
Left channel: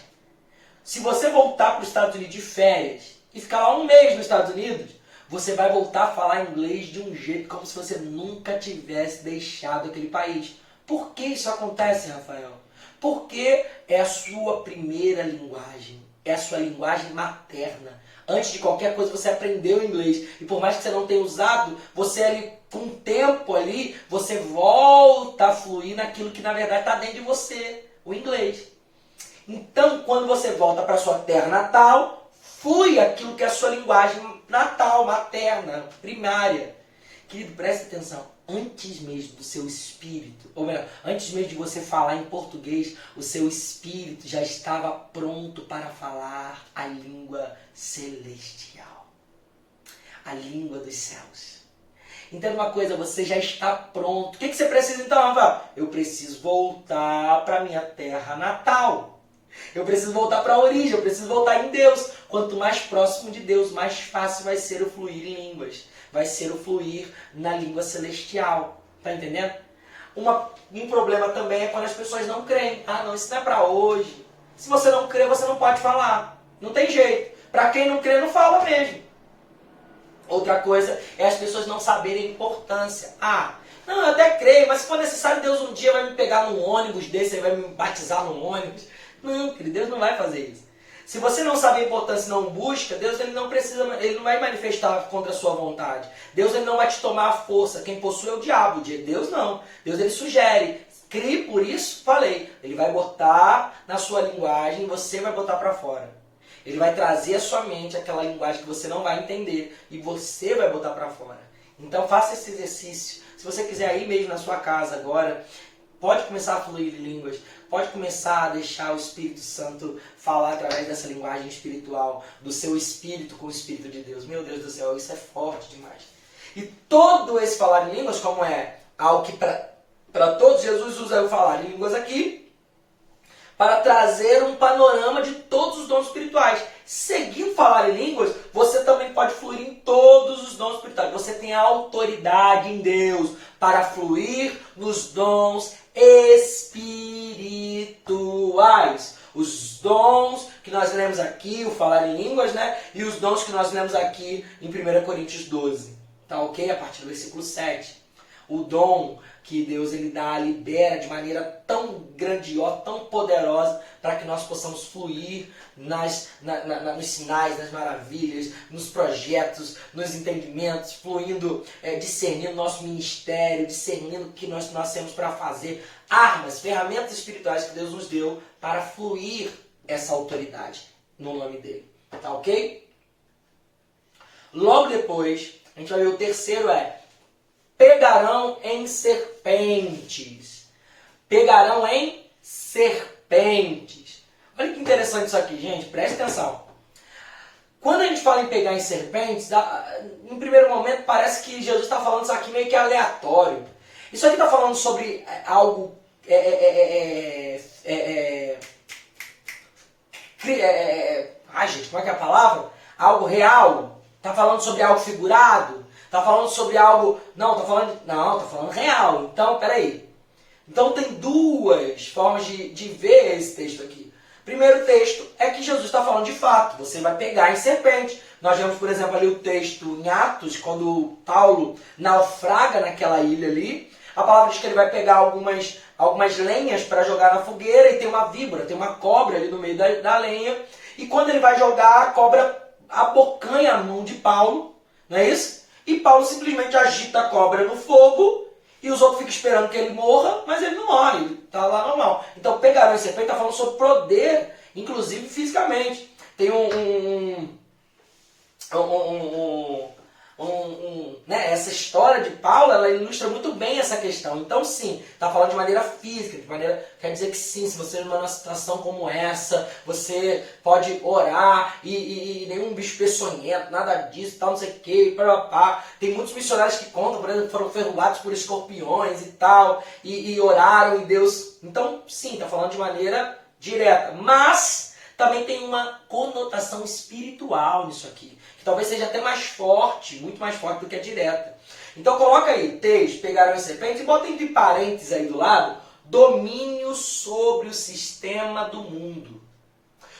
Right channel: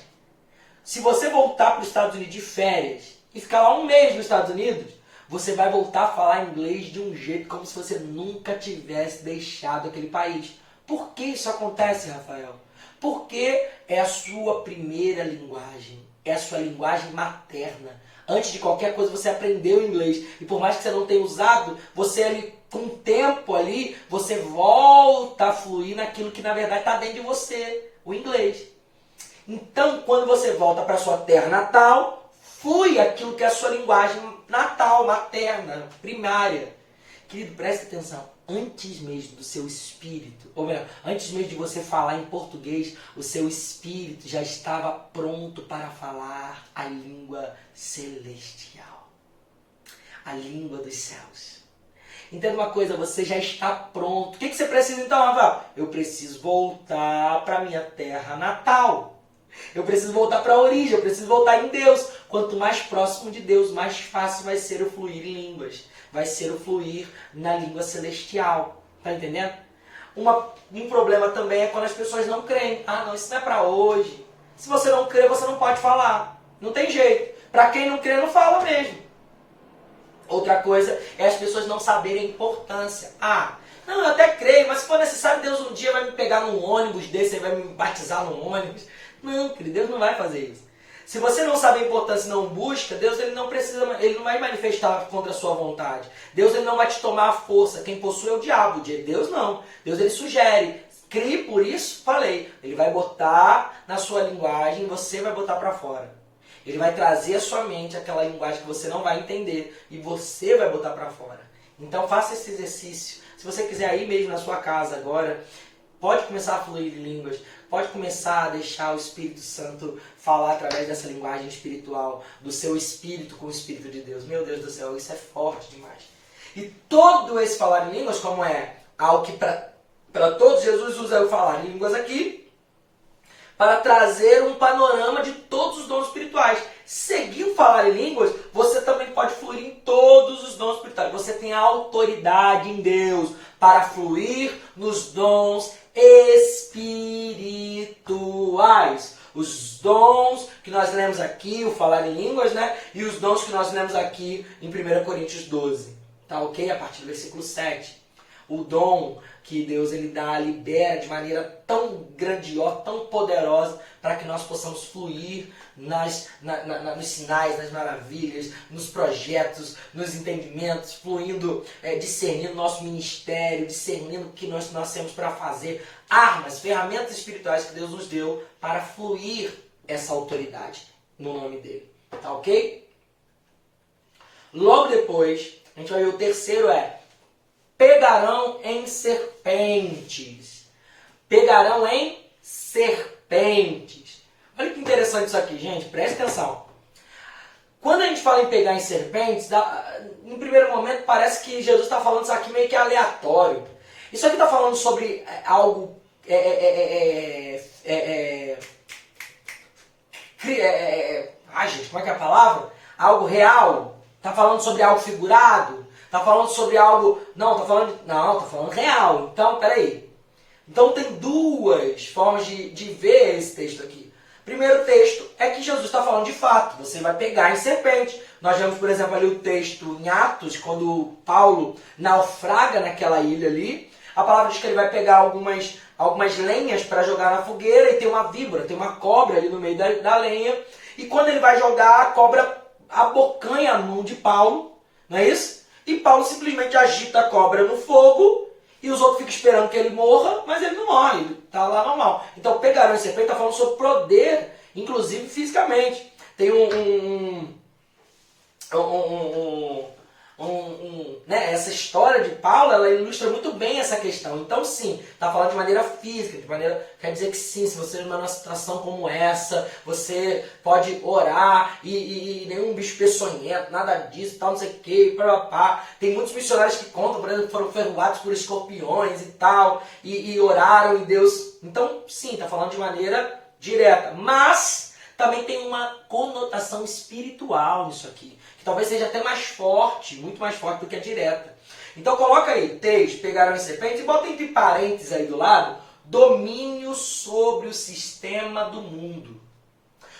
Se você voltar para os Estados Unidos de férias e ficar lá um mês nos Estados Unidos, você vai voltar a falar inglês de um jeito como se você nunca tivesse deixado aquele país. Por que isso acontece, Rafael? Porque é a sua primeira linguagem. É a sua linguagem materna. Antes de qualquer coisa você aprendeu inglês. E por mais que você não tenha usado, você ali, com o tempo ali, você volta a fluir naquilo que na verdade está dentro de você, o inglês. Então, quando você volta para a sua terra natal, flui aquilo que é a sua linguagem natal, materna, primária. Querido, preste atenção. Antes mesmo do seu espírito, ou melhor, antes mesmo de você falar em português, o seu espírito já estava pronto para falar a língua celestial. A língua dos céus. Entenda uma coisa, você já está pronto. O que você precisa então, Rafael? Eu preciso voltar para a minha terra natal. Eu preciso voltar para a origem, eu preciso voltar em Deus. Quanto mais próximo de Deus, mais fácil vai ser o fluir em línguas. Vai ser o fluir na língua celestial. Tá entendendo? Um problema também é quando as pessoas não creem. Ah, não, isso não é para hoje. Se você não crê, você não pode falar. Não tem jeito. Para quem não crê, não fala mesmo. Outra coisa é as pessoas não saberem a importância. Ah, não, eu até creio, mas se for necessário, Deus um dia vai me pegar num ônibus desse, ele vai me batizar num ônibus. Não, querido, Deus não vai fazer isso. Se você não sabe a importância e não busca, Deus ele não vai manifestar contra a sua vontade. Deus ele não vai te tomar a força. Quem possui é o diabo, Deus não. Deus ele sugere. Crie, por isso falei. Ele vai botar na sua linguagem, você vai botar para fora. Ele vai trazer à sua mente aquela linguagem que você não vai entender e você vai botar para fora. Então faça esse exercício. Se você quiser ir mesmo na sua casa agora, pode começar a fluir em línguas. Pode começar a deixar o Espírito Santo falar através dessa linguagem espiritual, do seu espírito com o Espírito de Deus. Meu Deus do céu, isso é forte demais. E todo esse falar em línguas, como é algo que para todos, Jesus usa o falar em línguas aqui, para trazer um panorama de todos os dons espirituais. Seguir o falar em línguas, você também pode fluir em todos os dons espirituais. Você tem a autoridade em Deus para fluir nos dons espirituais. Os dons que nós lemos aqui, o falar em línguas, né? E os dons que nós lemos aqui em 1 Coríntios 12. Tá ok? A partir do versículo 7. O dom que Deus ele dá, libera de maneira tão grandiosa, tão poderosa, para que nós possamos fluir nos sinais, nas maravilhas, nos projetos, nos entendimentos, fluindo, discernindo nosso ministério, discernindo o que nós temos para fazer, armas, ferramentas espirituais que Deus nos deu para fluir essa autoridade no nome dele. Tá ok? Logo depois, a gente vai ver o terceiro pegarão em serpentes. Pegarão em serpentes. Olha que interessante isso aqui, gente. Presta atenção. Quando a gente fala em pegar em serpentes, em primeiro momento parece que Jesus está falando isso aqui meio que aleatório. Isso aqui está falando sobre algo... Ai, gente, como é que é a palavra? Algo real. Está falando sobre algo figurado. Está falando sobre algo... Não, está falando real. Então, peraí. Então tem duas formas de ver esse texto aqui. Primeiro texto é que Jesus está falando de fato. Você vai pegar em serpente. Nós vemos, por exemplo, ali o texto em Atos, quando Paulo naufraga naquela ilha ali. A palavra diz que ele vai pegar algumas lenhas para jogar na fogueira e tem uma víbora, tem uma cobra ali no meio da lenha. E quando ele vai jogar, a cobra abocanha a mão de Paulo. Não é isso? E Paulo simplesmente agita a cobra no fogo e os outros ficam esperando que ele morra, mas ele não morre, ele está lá normal. Então, pegarão em serpente está falando sobre poder, inclusive fisicamente. Tem essa história de Paulo, ela ilustra muito bem essa questão. Então, sim, está falando de maneira física, quer dizer que sim, se você está numa situação como essa, você pode orar e nenhum bicho peçonhento, nada disso, tal, não sei o que, Tem muitos missionários que contam, por exemplo, foram ferroados por escorpiões e tal, e oraram e Deus... Então, sim, está falando de maneira direta, mas também tem uma conotação espiritual nisso aqui, que talvez seja até mais forte, muito mais forte do que a direta. Então coloca aí, texto, pegaram em serpente, e bota entre parênteses aí do lado, domínio sobre o sistema do mundo.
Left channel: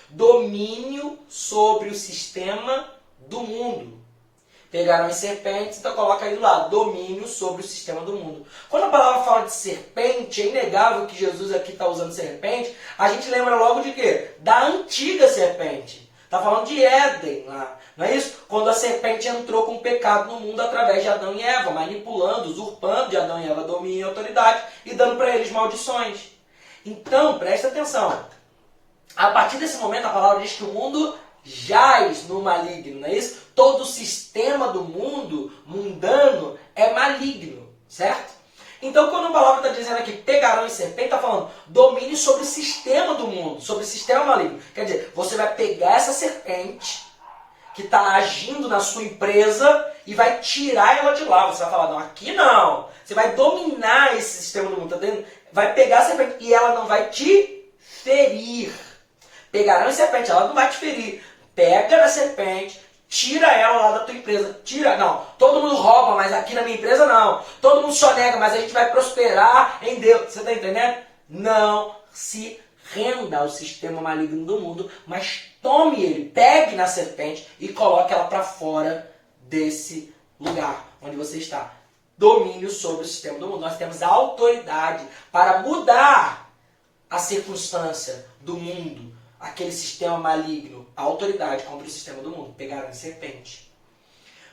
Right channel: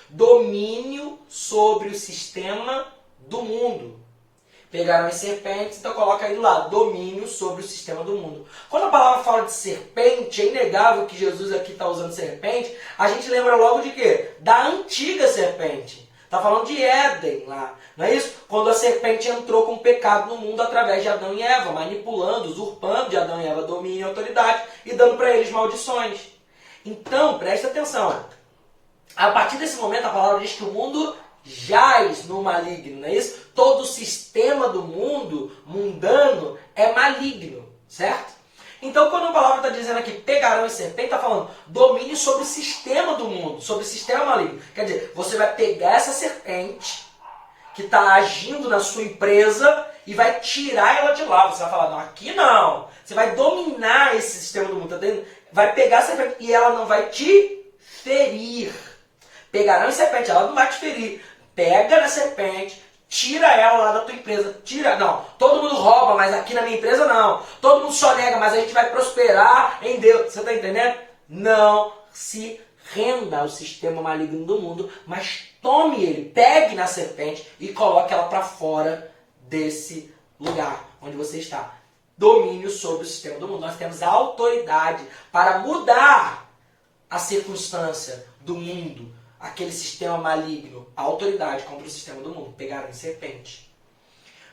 Domínio sobre o sistema do mundo. Pegaram em serpentes, então coloca aí do lado, domínio sobre o sistema do mundo. Quando a palavra fala de serpente, é inegável que Jesus aqui está usando serpente, a gente lembra logo de quê? Da antiga serpente. Está falando de Éden lá, não é isso? Quando a serpente entrou com o pecado no mundo através de Adão e Eva, manipulando, usurpando de Adão e Eva domínio e autoridade e dando para eles maldições. Então, presta atenção. A partir desse momento, a palavra diz que o mundo jaz no maligno, não é isso? Todo o sistema do mundo mundano é maligno, certo? Então, quando a palavra está dizendo aqui, pegarão em serpente, está falando domínio sobre o sistema do mundo, sobre o sistema maligno. Quer dizer, você vai pegar essa serpente que está agindo na sua empresa e vai tirar ela de lá. Você vai falar, não, aqui não. Você vai dominar esse sistema do mundo, tá entendendo? Vai pegar a serpente e ela não vai te ferir. Pegarão em serpente, ela não vai te ferir. Pega na serpente, tira ela lá da tua empresa. Tira, não. Todo mundo rouba, mas aqui na minha empresa não. Todo mundo sonega, mas a gente vai prosperar em Deus. Você está entendendo? Não se renda ao sistema maligno do mundo, mas tome ele, pegue na serpente e coloque ela para fora desse lugar onde você está. Domínio sobre o sistema do mundo. Nós temos a autoridade para mudar a circunstância do mundo, aquele sistema maligno, a autoridade contra o sistema do mundo, pegaram em serpente.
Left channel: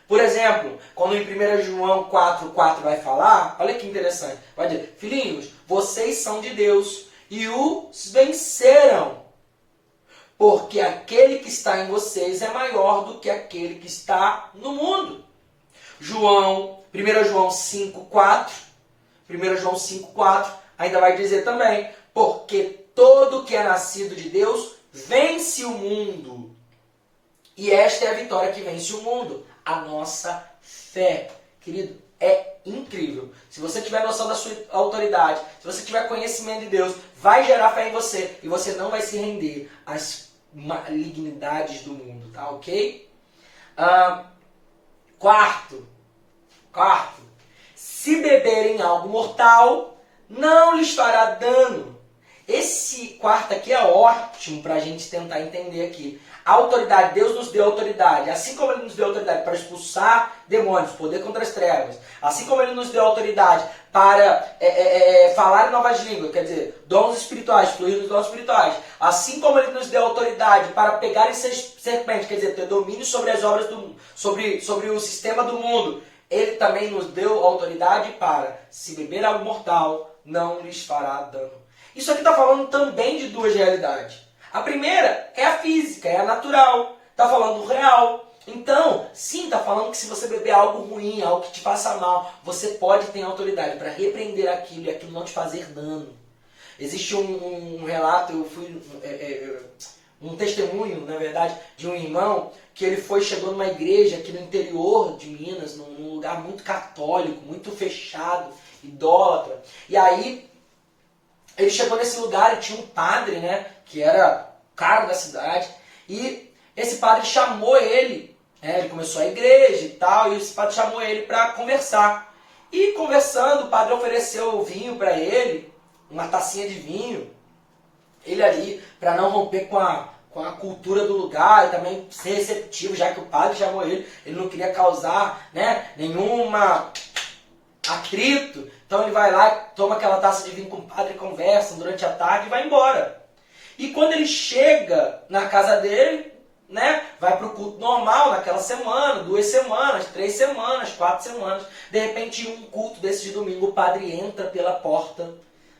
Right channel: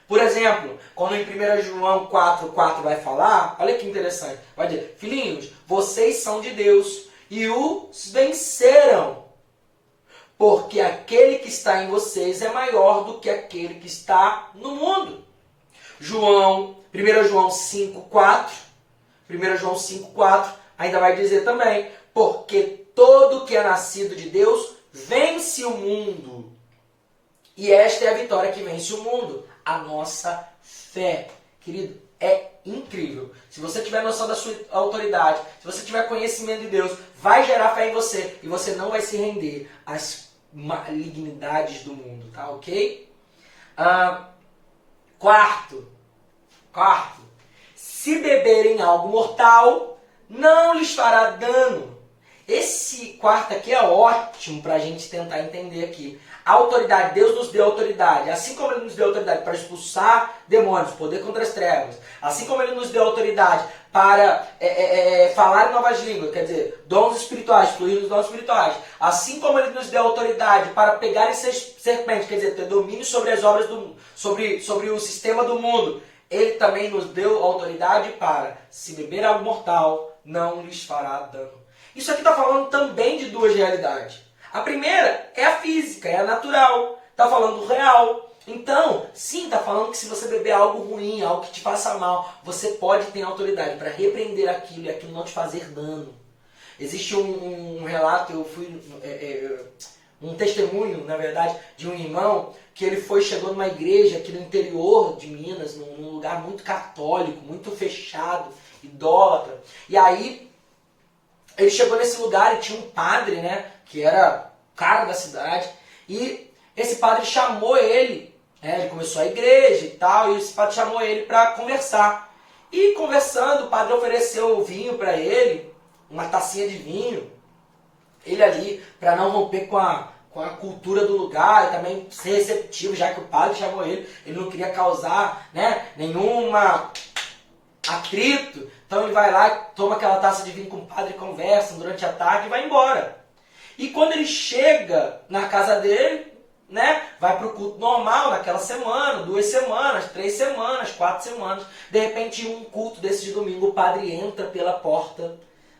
Por exemplo, quando em 1 João 4,4 vai falar, olha que interessante, vai dizer, filhinhos, vocês são de Deus e os venceram, porque aquele que está em vocês é maior do que aquele que está no mundo. 1 João 5,4, 1 João 5,4 ainda vai dizer também, porque todo que é nascido de Deus vence o mundo. E esta é a vitória que vence o mundo, a nossa fé. Querido, é incrível. Se você tiver noção da sua autoridade, se você tiver conhecimento de Deus, vai gerar fé em você e você não vai se render às malignidades do mundo, tá ok? Quarto, se beberem algo mortal, não lhes fará dano. Esse quarto aqui é ótimo para a gente tentar entender aqui. A autoridade, Deus nos deu autoridade, assim como Ele nos deu autoridade para expulsar demônios, poder contra as trevas, assim como Ele nos deu autoridade para falar em novas línguas, quer dizer, dons espirituais, fluir nos dons espirituais, assim como Ele nos deu autoridade para pegar essas serpentes, quer dizer, ter domínio sobre as obras do mundo, sobre o sistema do mundo, Ele também nos deu autoridade para, se beber algo mortal, não lhes fará dano. Isso aqui está falando também de duas realidades. A primeira é a física, é a natural. Está falando do real. Então, sim, está falando que se você beber algo ruim, algo que te faça mal, você pode ter autoridade para repreender aquilo e aquilo não te fazer dano. Existe um relato, um testemunho, na verdade, de um irmão que ele chegou numa igreja aqui no interior de Minas, num lugar muito católico, muito fechado, idólatra. E aí, ele chegou nesse lugar e tinha um padre, né, que era o cara da cidade, e esse padre chamou ele, ele começou a igreja e tal, e esse padre chamou ele para conversar. E conversando, o padre ofereceu vinho para ele, uma tacinha de vinho, ele ali, para não romper com a cultura do lugar e também ser receptivo, já que o padre chamou ele não queria causar, né, nenhuma atrito. Então ele vai lá, toma aquela taça de vinho com o padre, conversam durante a tarde e vai embora. E quando ele chega na casa dele, né, vai para o culto normal naquela semana, 2 semanas, 3 semanas, 4 semanas. De repente, um culto desse de domingo, o padre entra pela porta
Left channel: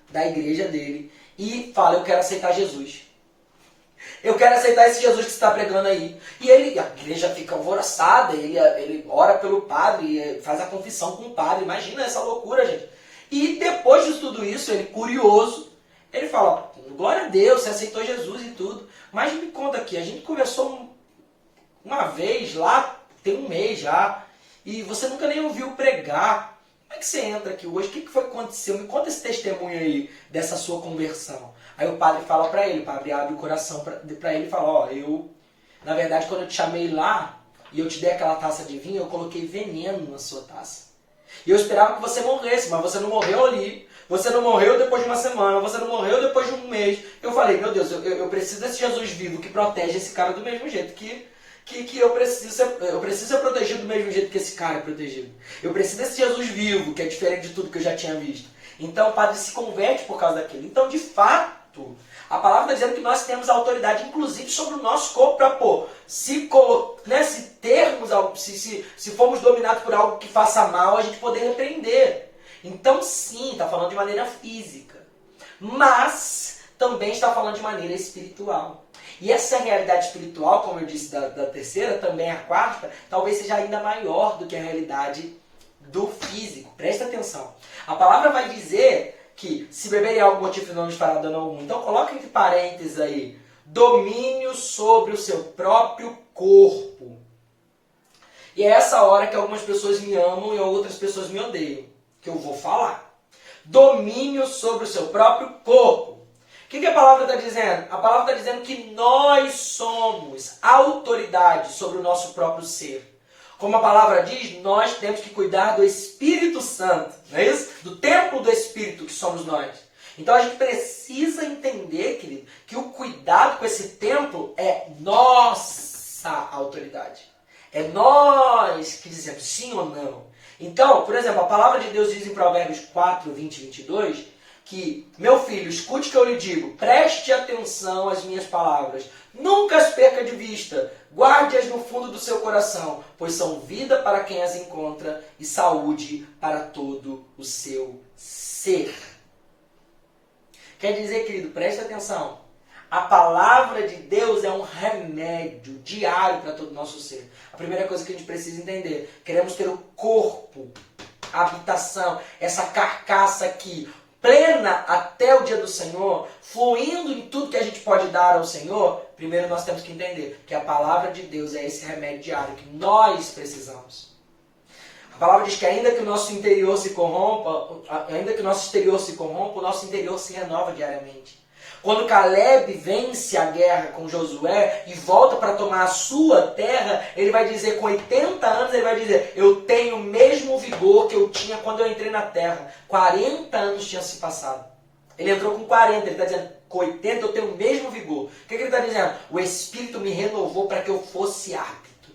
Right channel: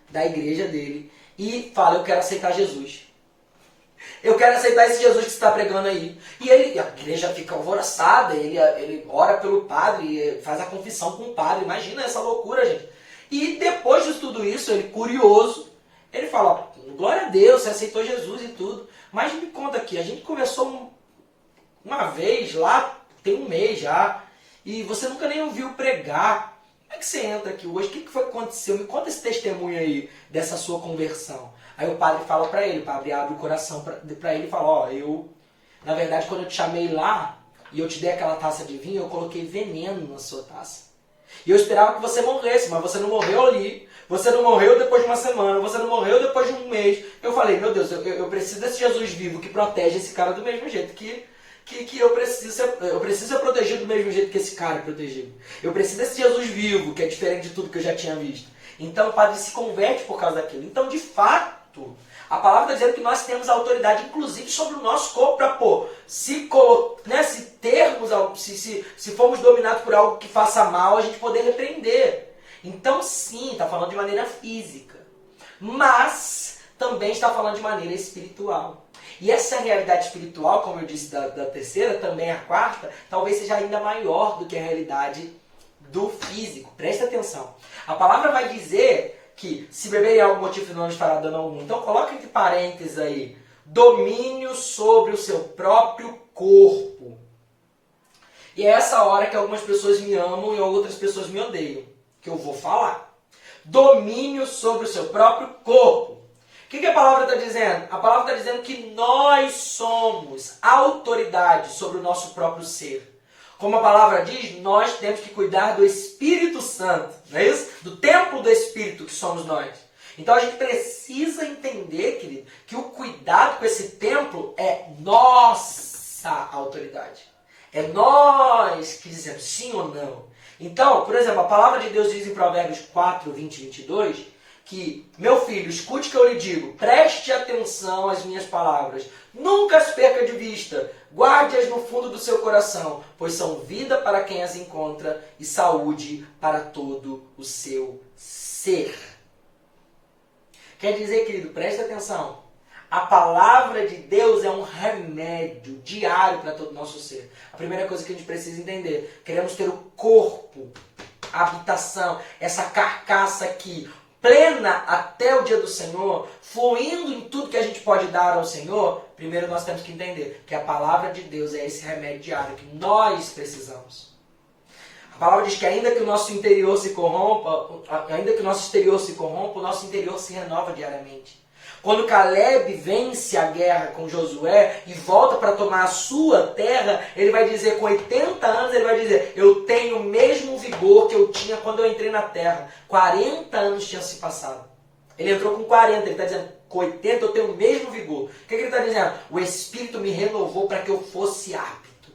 da igreja dele e fala: eu quero aceitar Jesus. Eu quero aceitar esse Jesus que você está pregando aí. E a igreja fica alvoroçada, ele ora pelo padre, faz a confissão com o padre. Imagina essa loucura, gente. E depois de tudo isso, ele curioso, ele fala: glória a Deus, você aceitou Jesus e tudo. Mas me conta aqui, a gente conversou uma vez lá, tem um mês já, e você nunca nem ouviu pregar. Como é que você entra aqui hoje? O que foi que aconteceu? Me conta esse testemunho aí dessa sua conversão. Aí o padre fala para ele, o padre abre o coração para ele e fala: na verdade, quando eu te chamei lá e eu te dei aquela taça de vinho, eu coloquei veneno na sua taça. E eu esperava que você morresse, mas você não morreu ali. Você não morreu depois de uma semana, você não morreu depois de um mês. Eu falei: meu Deus, eu preciso desse Jesus vivo que protege esse cara do mesmo jeito que eu preciso ser protegido do mesmo jeito que esse cara é protegido. Eu preciso desse Jesus vivo, que é diferente de tudo que eu já tinha visto. Então o padre se converte por causa daquilo. Então, de fato, a palavra está dizendo que nós temos autoridade, inclusive, sobre o nosso corpo, para se formos dominados por algo que faça mal, a gente poder repreender. Então, sim, está falando de maneira física, mas também está falando de maneira espiritual. E essa realidade espiritual, como eu disse, da terceira, também a quarta, talvez seja ainda maior do que a realidade do físico. Presta atenção. A palavra vai dizer que se beberem algo motivo não lhes fará dano algum. Então coloca entre parênteses aí: domínio sobre o seu próprio corpo. E é essa hora que algumas pessoas me amam e outras pessoas me odeiam, que eu vou falar. Domínio sobre o seu próprio corpo. O que a palavra está dizendo? A palavra está dizendo que nós somos autoridade sobre o nosso próprio ser. Como a palavra diz, nós temos que cuidar do Espírito Santo, não é isso? Do templo do Espírito que somos nós. Então a gente precisa entender, querido, que o cuidado com esse templo é nossa autoridade. É nós que dizemos sim ou não. Então, por exemplo, a palavra de Deus diz em Provérbios 4, 20 e 22, que, meu filho, escute o que eu lhe digo, preste atenção às minhas palavras, nunca as perca de vista, guarde-as no fundo do seu coração, pois são vida para quem as encontra e saúde para todo o seu ser. Quer dizer, querido, preste atenção, a palavra de Deus é um remédio diário para todo o nosso ser. A primeira coisa que a gente precisa entender, queremos ter o corpo, a habitação, essa carcaça aqui, plena até o dia do Senhor, fluindo em tudo que a gente pode dar ao Senhor. Primeiro nós temos que entender que a palavra de Deus é esse remédio diário que nós precisamos. A palavra diz que ainda que o nosso interior se corrompa, ainda que o nosso exterior se corrompa, o nosso interior se renova diariamente. Quando Caleb vence a guerra com Josué e volta para tomar a sua terra, ele vai dizer, com 80 anos, ele vai dizer: eu tenho o mesmo vigor que eu tinha quando eu entrei na terra. 40 anos tinham se passado. Ele entrou com 40, ele está dizendo, com 80 eu tenho o mesmo vigor. O que ele está dizendo? O Espírito me renovou para que eu fosse apto.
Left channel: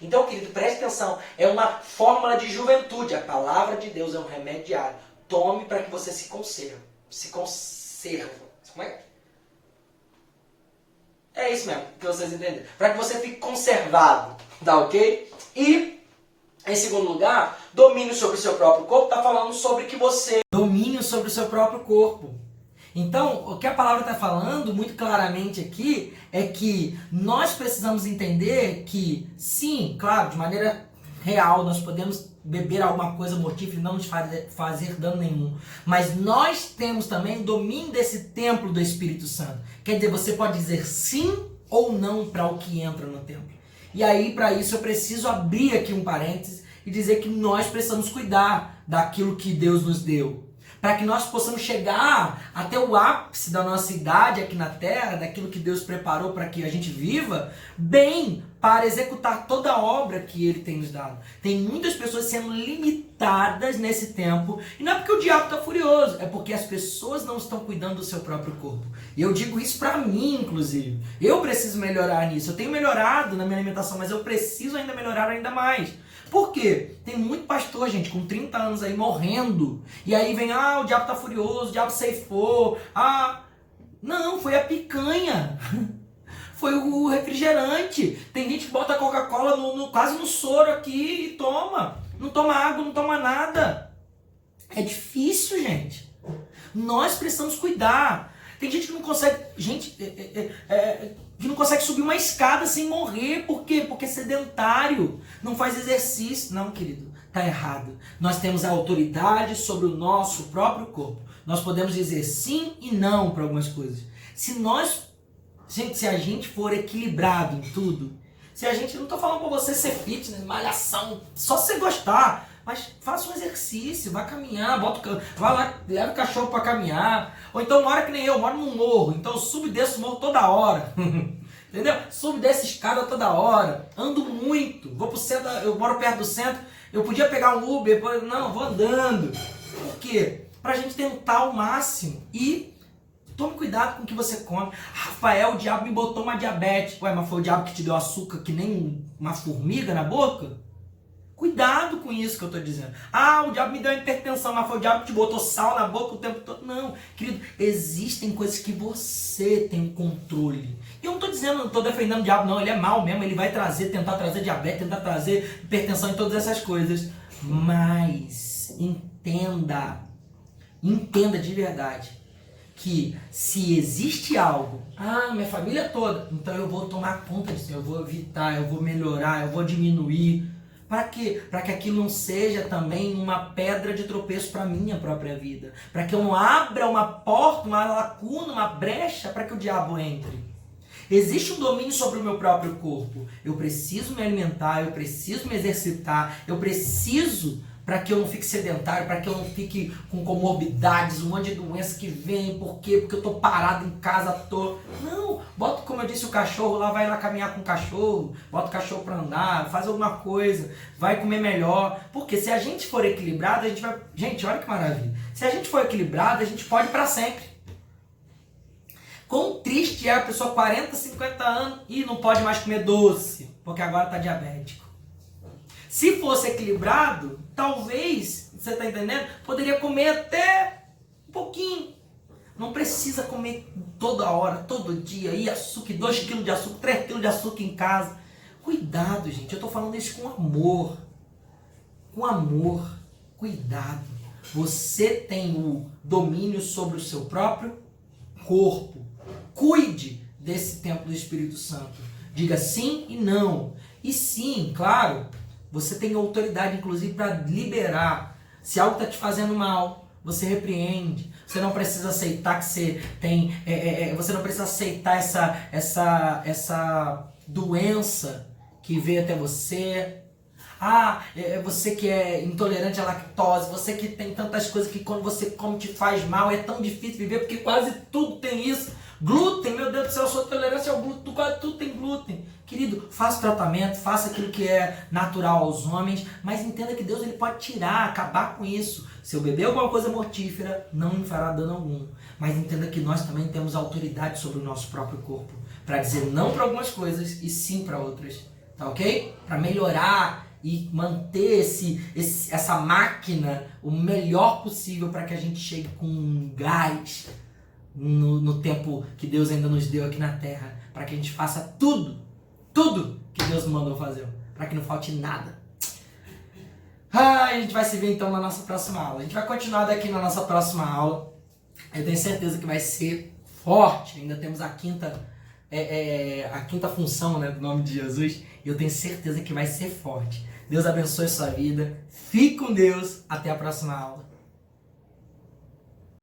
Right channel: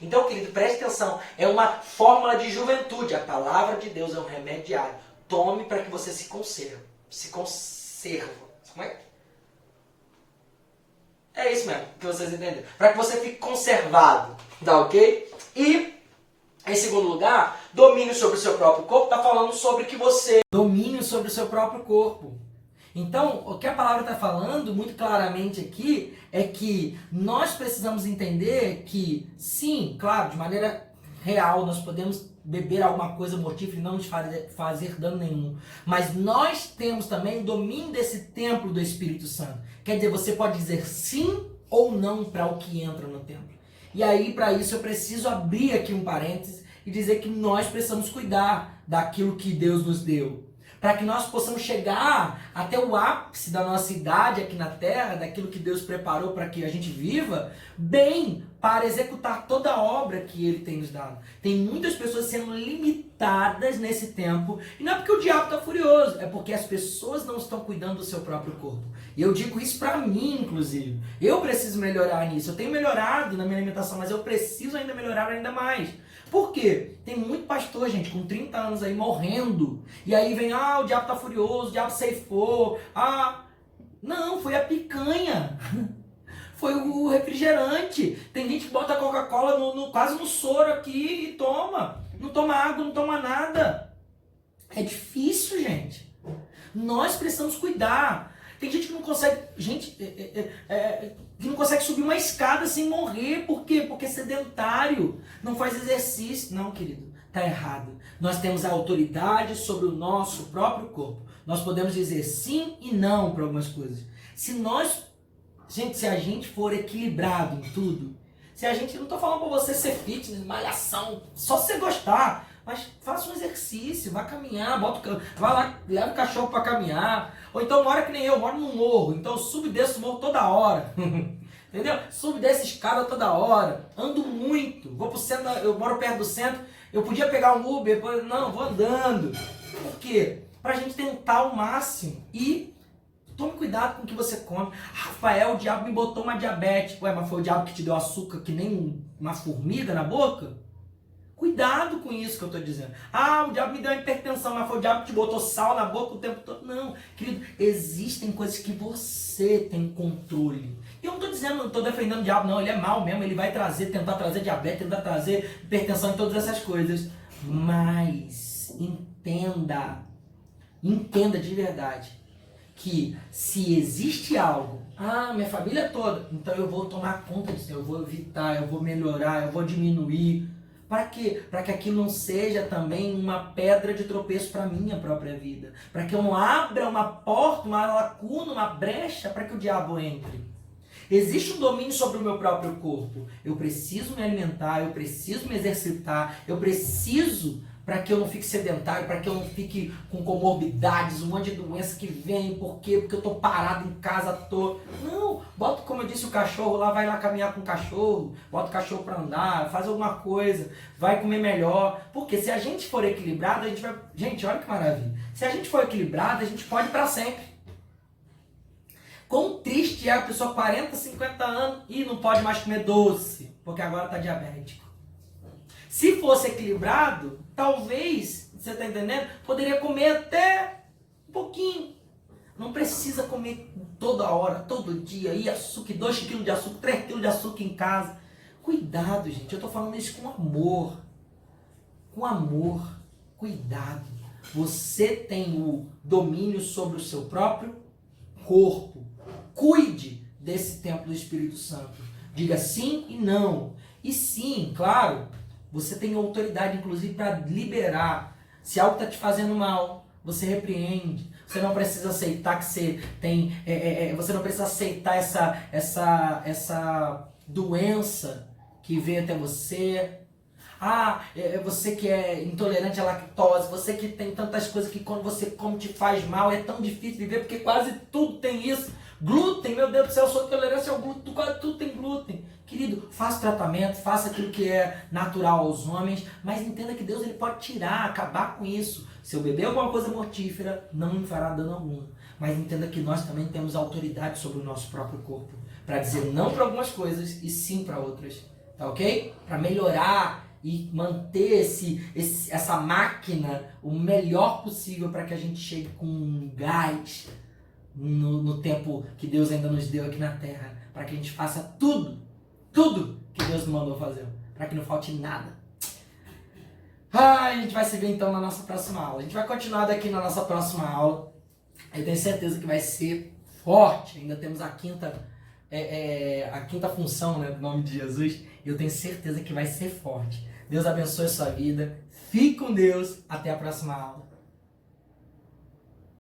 Então, querido, preste atenção, é uma fórmula de juventude. A palavra de Deus é um remédio diário. Tome para que você se conserve. Se conserva. Como é? É isso mesmo, que vocês entenderam. Para que você fique conservado, tá ok? E, em segundo lugar, domínio sobre o seu próprio corpo, está falando sobre que você... Domínio sobre o seu próprio corpo. Então, o que a palavra está falando muito claramente aqui é que nós precisamos entender que, sim, claro, de maneira real, nós podemos beber alguma coisa mortífera e não nos fazer dano nenhum. Mas nós temos também o domínio desse templo do Espírito Santo. Quer dizer, você pode dizer sim ou não para o que entra no templo. E aí, para isso, eu preciso abrir aqui um parênteses e dizer que nós precisamos cuidar daquilo que Deus nos deu. Para que nós possamos chegar até o ápice da nossa idade aqui na Terra, daquilo que Deus preparou para que a gente viva, bem, para executar toda a obra que Ele tem nos dado. Tem muitas pessoas sendo limitadas nesse tempo, e não é porque o diabo está furioso, é porque as pessoas não estão cuidando do seu próprio corpo. E eu digo isso para mim, inclusive. Eu preciso melhorar nisso. Eu tenho melhorado na minha alimentação, mas eu preciso ainda melhorar ainda mais. Por quê? Tem muito pastor, gente, com 30 anos aí morrendo. E aí vem, o diabo tá furioso, o diabo ceifou. Não, foi a picanha. Foi o refrigerante. Tem gente que bota Coca-Cola quase no soro aqui e toma. Não toma água, não toma nada. É difícil, gente. Nós precisamos cuidar. Tem gente que não consegue... que não consegue subir uma escada sem morrer. Por quê? Porque é sedentário. Não faz exercício. Não, querido. Está errado. Nós temos a autoridade sobre o nosso próprio corpo. Nós podemos dizer sim e não para algumas coisas. Se a gente for equilibrado em tudo, se a gente... Não estou falando para você ser fitness, malhação, só se você gostar. Mas faça um exercício, vá caminhar, vá lá, leva o cachorro para caminhar. Ou então mora que nem eu, moro num morro, então eu subo e desço o morro toda hora. Entendeu? Subo e desço escada toda hora. Ando muito. Vou pro centro, eu moro perto do centro, eu podia pegar um Uber, não, vou andando. Por quê? Pra gente tentar ao máximo. E tome cuidado com o que você come. Rafael, o diabo me botou uma diabetes. Ué, mas foi o diabo que te deu açúcar que nem uma formiga na boca? Cuidado com isso que eu estou dizendo. O diabo me deu hipertensão, mas foi o diabo que te botou sal na boca o tempo todo. Não, querido, existem coisas que você tem controle. E eu não estou dizendo, não estou defendendo o diabo, não. Ele é mau mesmo, ele vai tentar trazer diabetes, tentar trazer hipertensão e todas essas coisas. Mas entenda de verdade que se existe algo, minha família toda, então eu vou tomar conta disso, eu vou evitar, eu vou melhorar, eu vou diminuir. Para quê? Para que aquilo não seja também uma pedra de tropeço para a minha própria vida. Para que eu não abra uma porta, uma lacuna, uma brecha para que o diabo entre. Existe um domínio sobre o meu próprio corpo. Eu preciso me alimentar, eu preciso me exercitar, eu preciso para que eu não fique sedentário, para que eu não fique com comorbidades, um monte de doença que vem. Por quê? Porque eu estou parado em casa à toa. Não, bota, como eu disse, o cachorro lá, vai lá caminhar com o cachorro, bota o cachorro para andar, faz alguma coisa, vai comer melhor. Porque se a gente for equilibrado, a gente vai... Gente, olha que maravilha. Se a gente for equilibrado, a gente pode ir para sempre. Quão triste é a pessoa 40, 50 anos e não pode mais comer doce, porque agora está diabético. Se fosse equilibrado, talvez, você está entendendo? Poderia comer até um pouquinho. Não precisa comer toda hora, todo dia, e açúcar, 2 kg de açúcar, 3 kg de açúcar em casa. Cuidado, gente, eu estou falando isso com amor. Com amor, cuidado. Você tem o domínio sobre o seu próprio corpo. Cuide desse templo do Espírito Santo. Diga sim e não. E sim, claro... Você tem autoridade, inclusive, para liberar. Se algo está te fazendo mal, você repreende. Você não precisa aceitar que você tem... você não precisa aceitar essa doença que veio até você. Você que é intolerante à lactose, você que tem tantas coisas que quando você come te faz mal, é tão difícil viver, porque quase tudo tem isso. Glúten, meu Deus do céu, sua tolerância ao glúten, quase tudo tem glúten. Querido, faça o tratamento, faça aquilo que é natural aos homens, mas entenda que Deus ele pode tirar, acabar com isso. Se eu beber alguma coisa mortífera, não me fará dano algum. mas entenda que nós também temos autoridade sobre o nosso próprio corpo, para dizer não para algumas coisas e sim para outras, tá ok? Para melhorar e manter essa máquina o melhor possível para que a gente chegue com gás no tempo que Deus ainda nos deu aqui na Terra, para que a gente faça tudo que Deus nos mandou fazer, para que não falte nada. A gente vai se ver então na nossa próxima aula. A gente vai continuar daqui na nossa próxima aula. Eu tenho certeza que vai ser forte. Ainda temos a quinta função, né, do nome de Jesus. E eu tenho certeza que vai ser forte. Deus abençoe a sua vida. Fique com Deus. Até a próxima aula.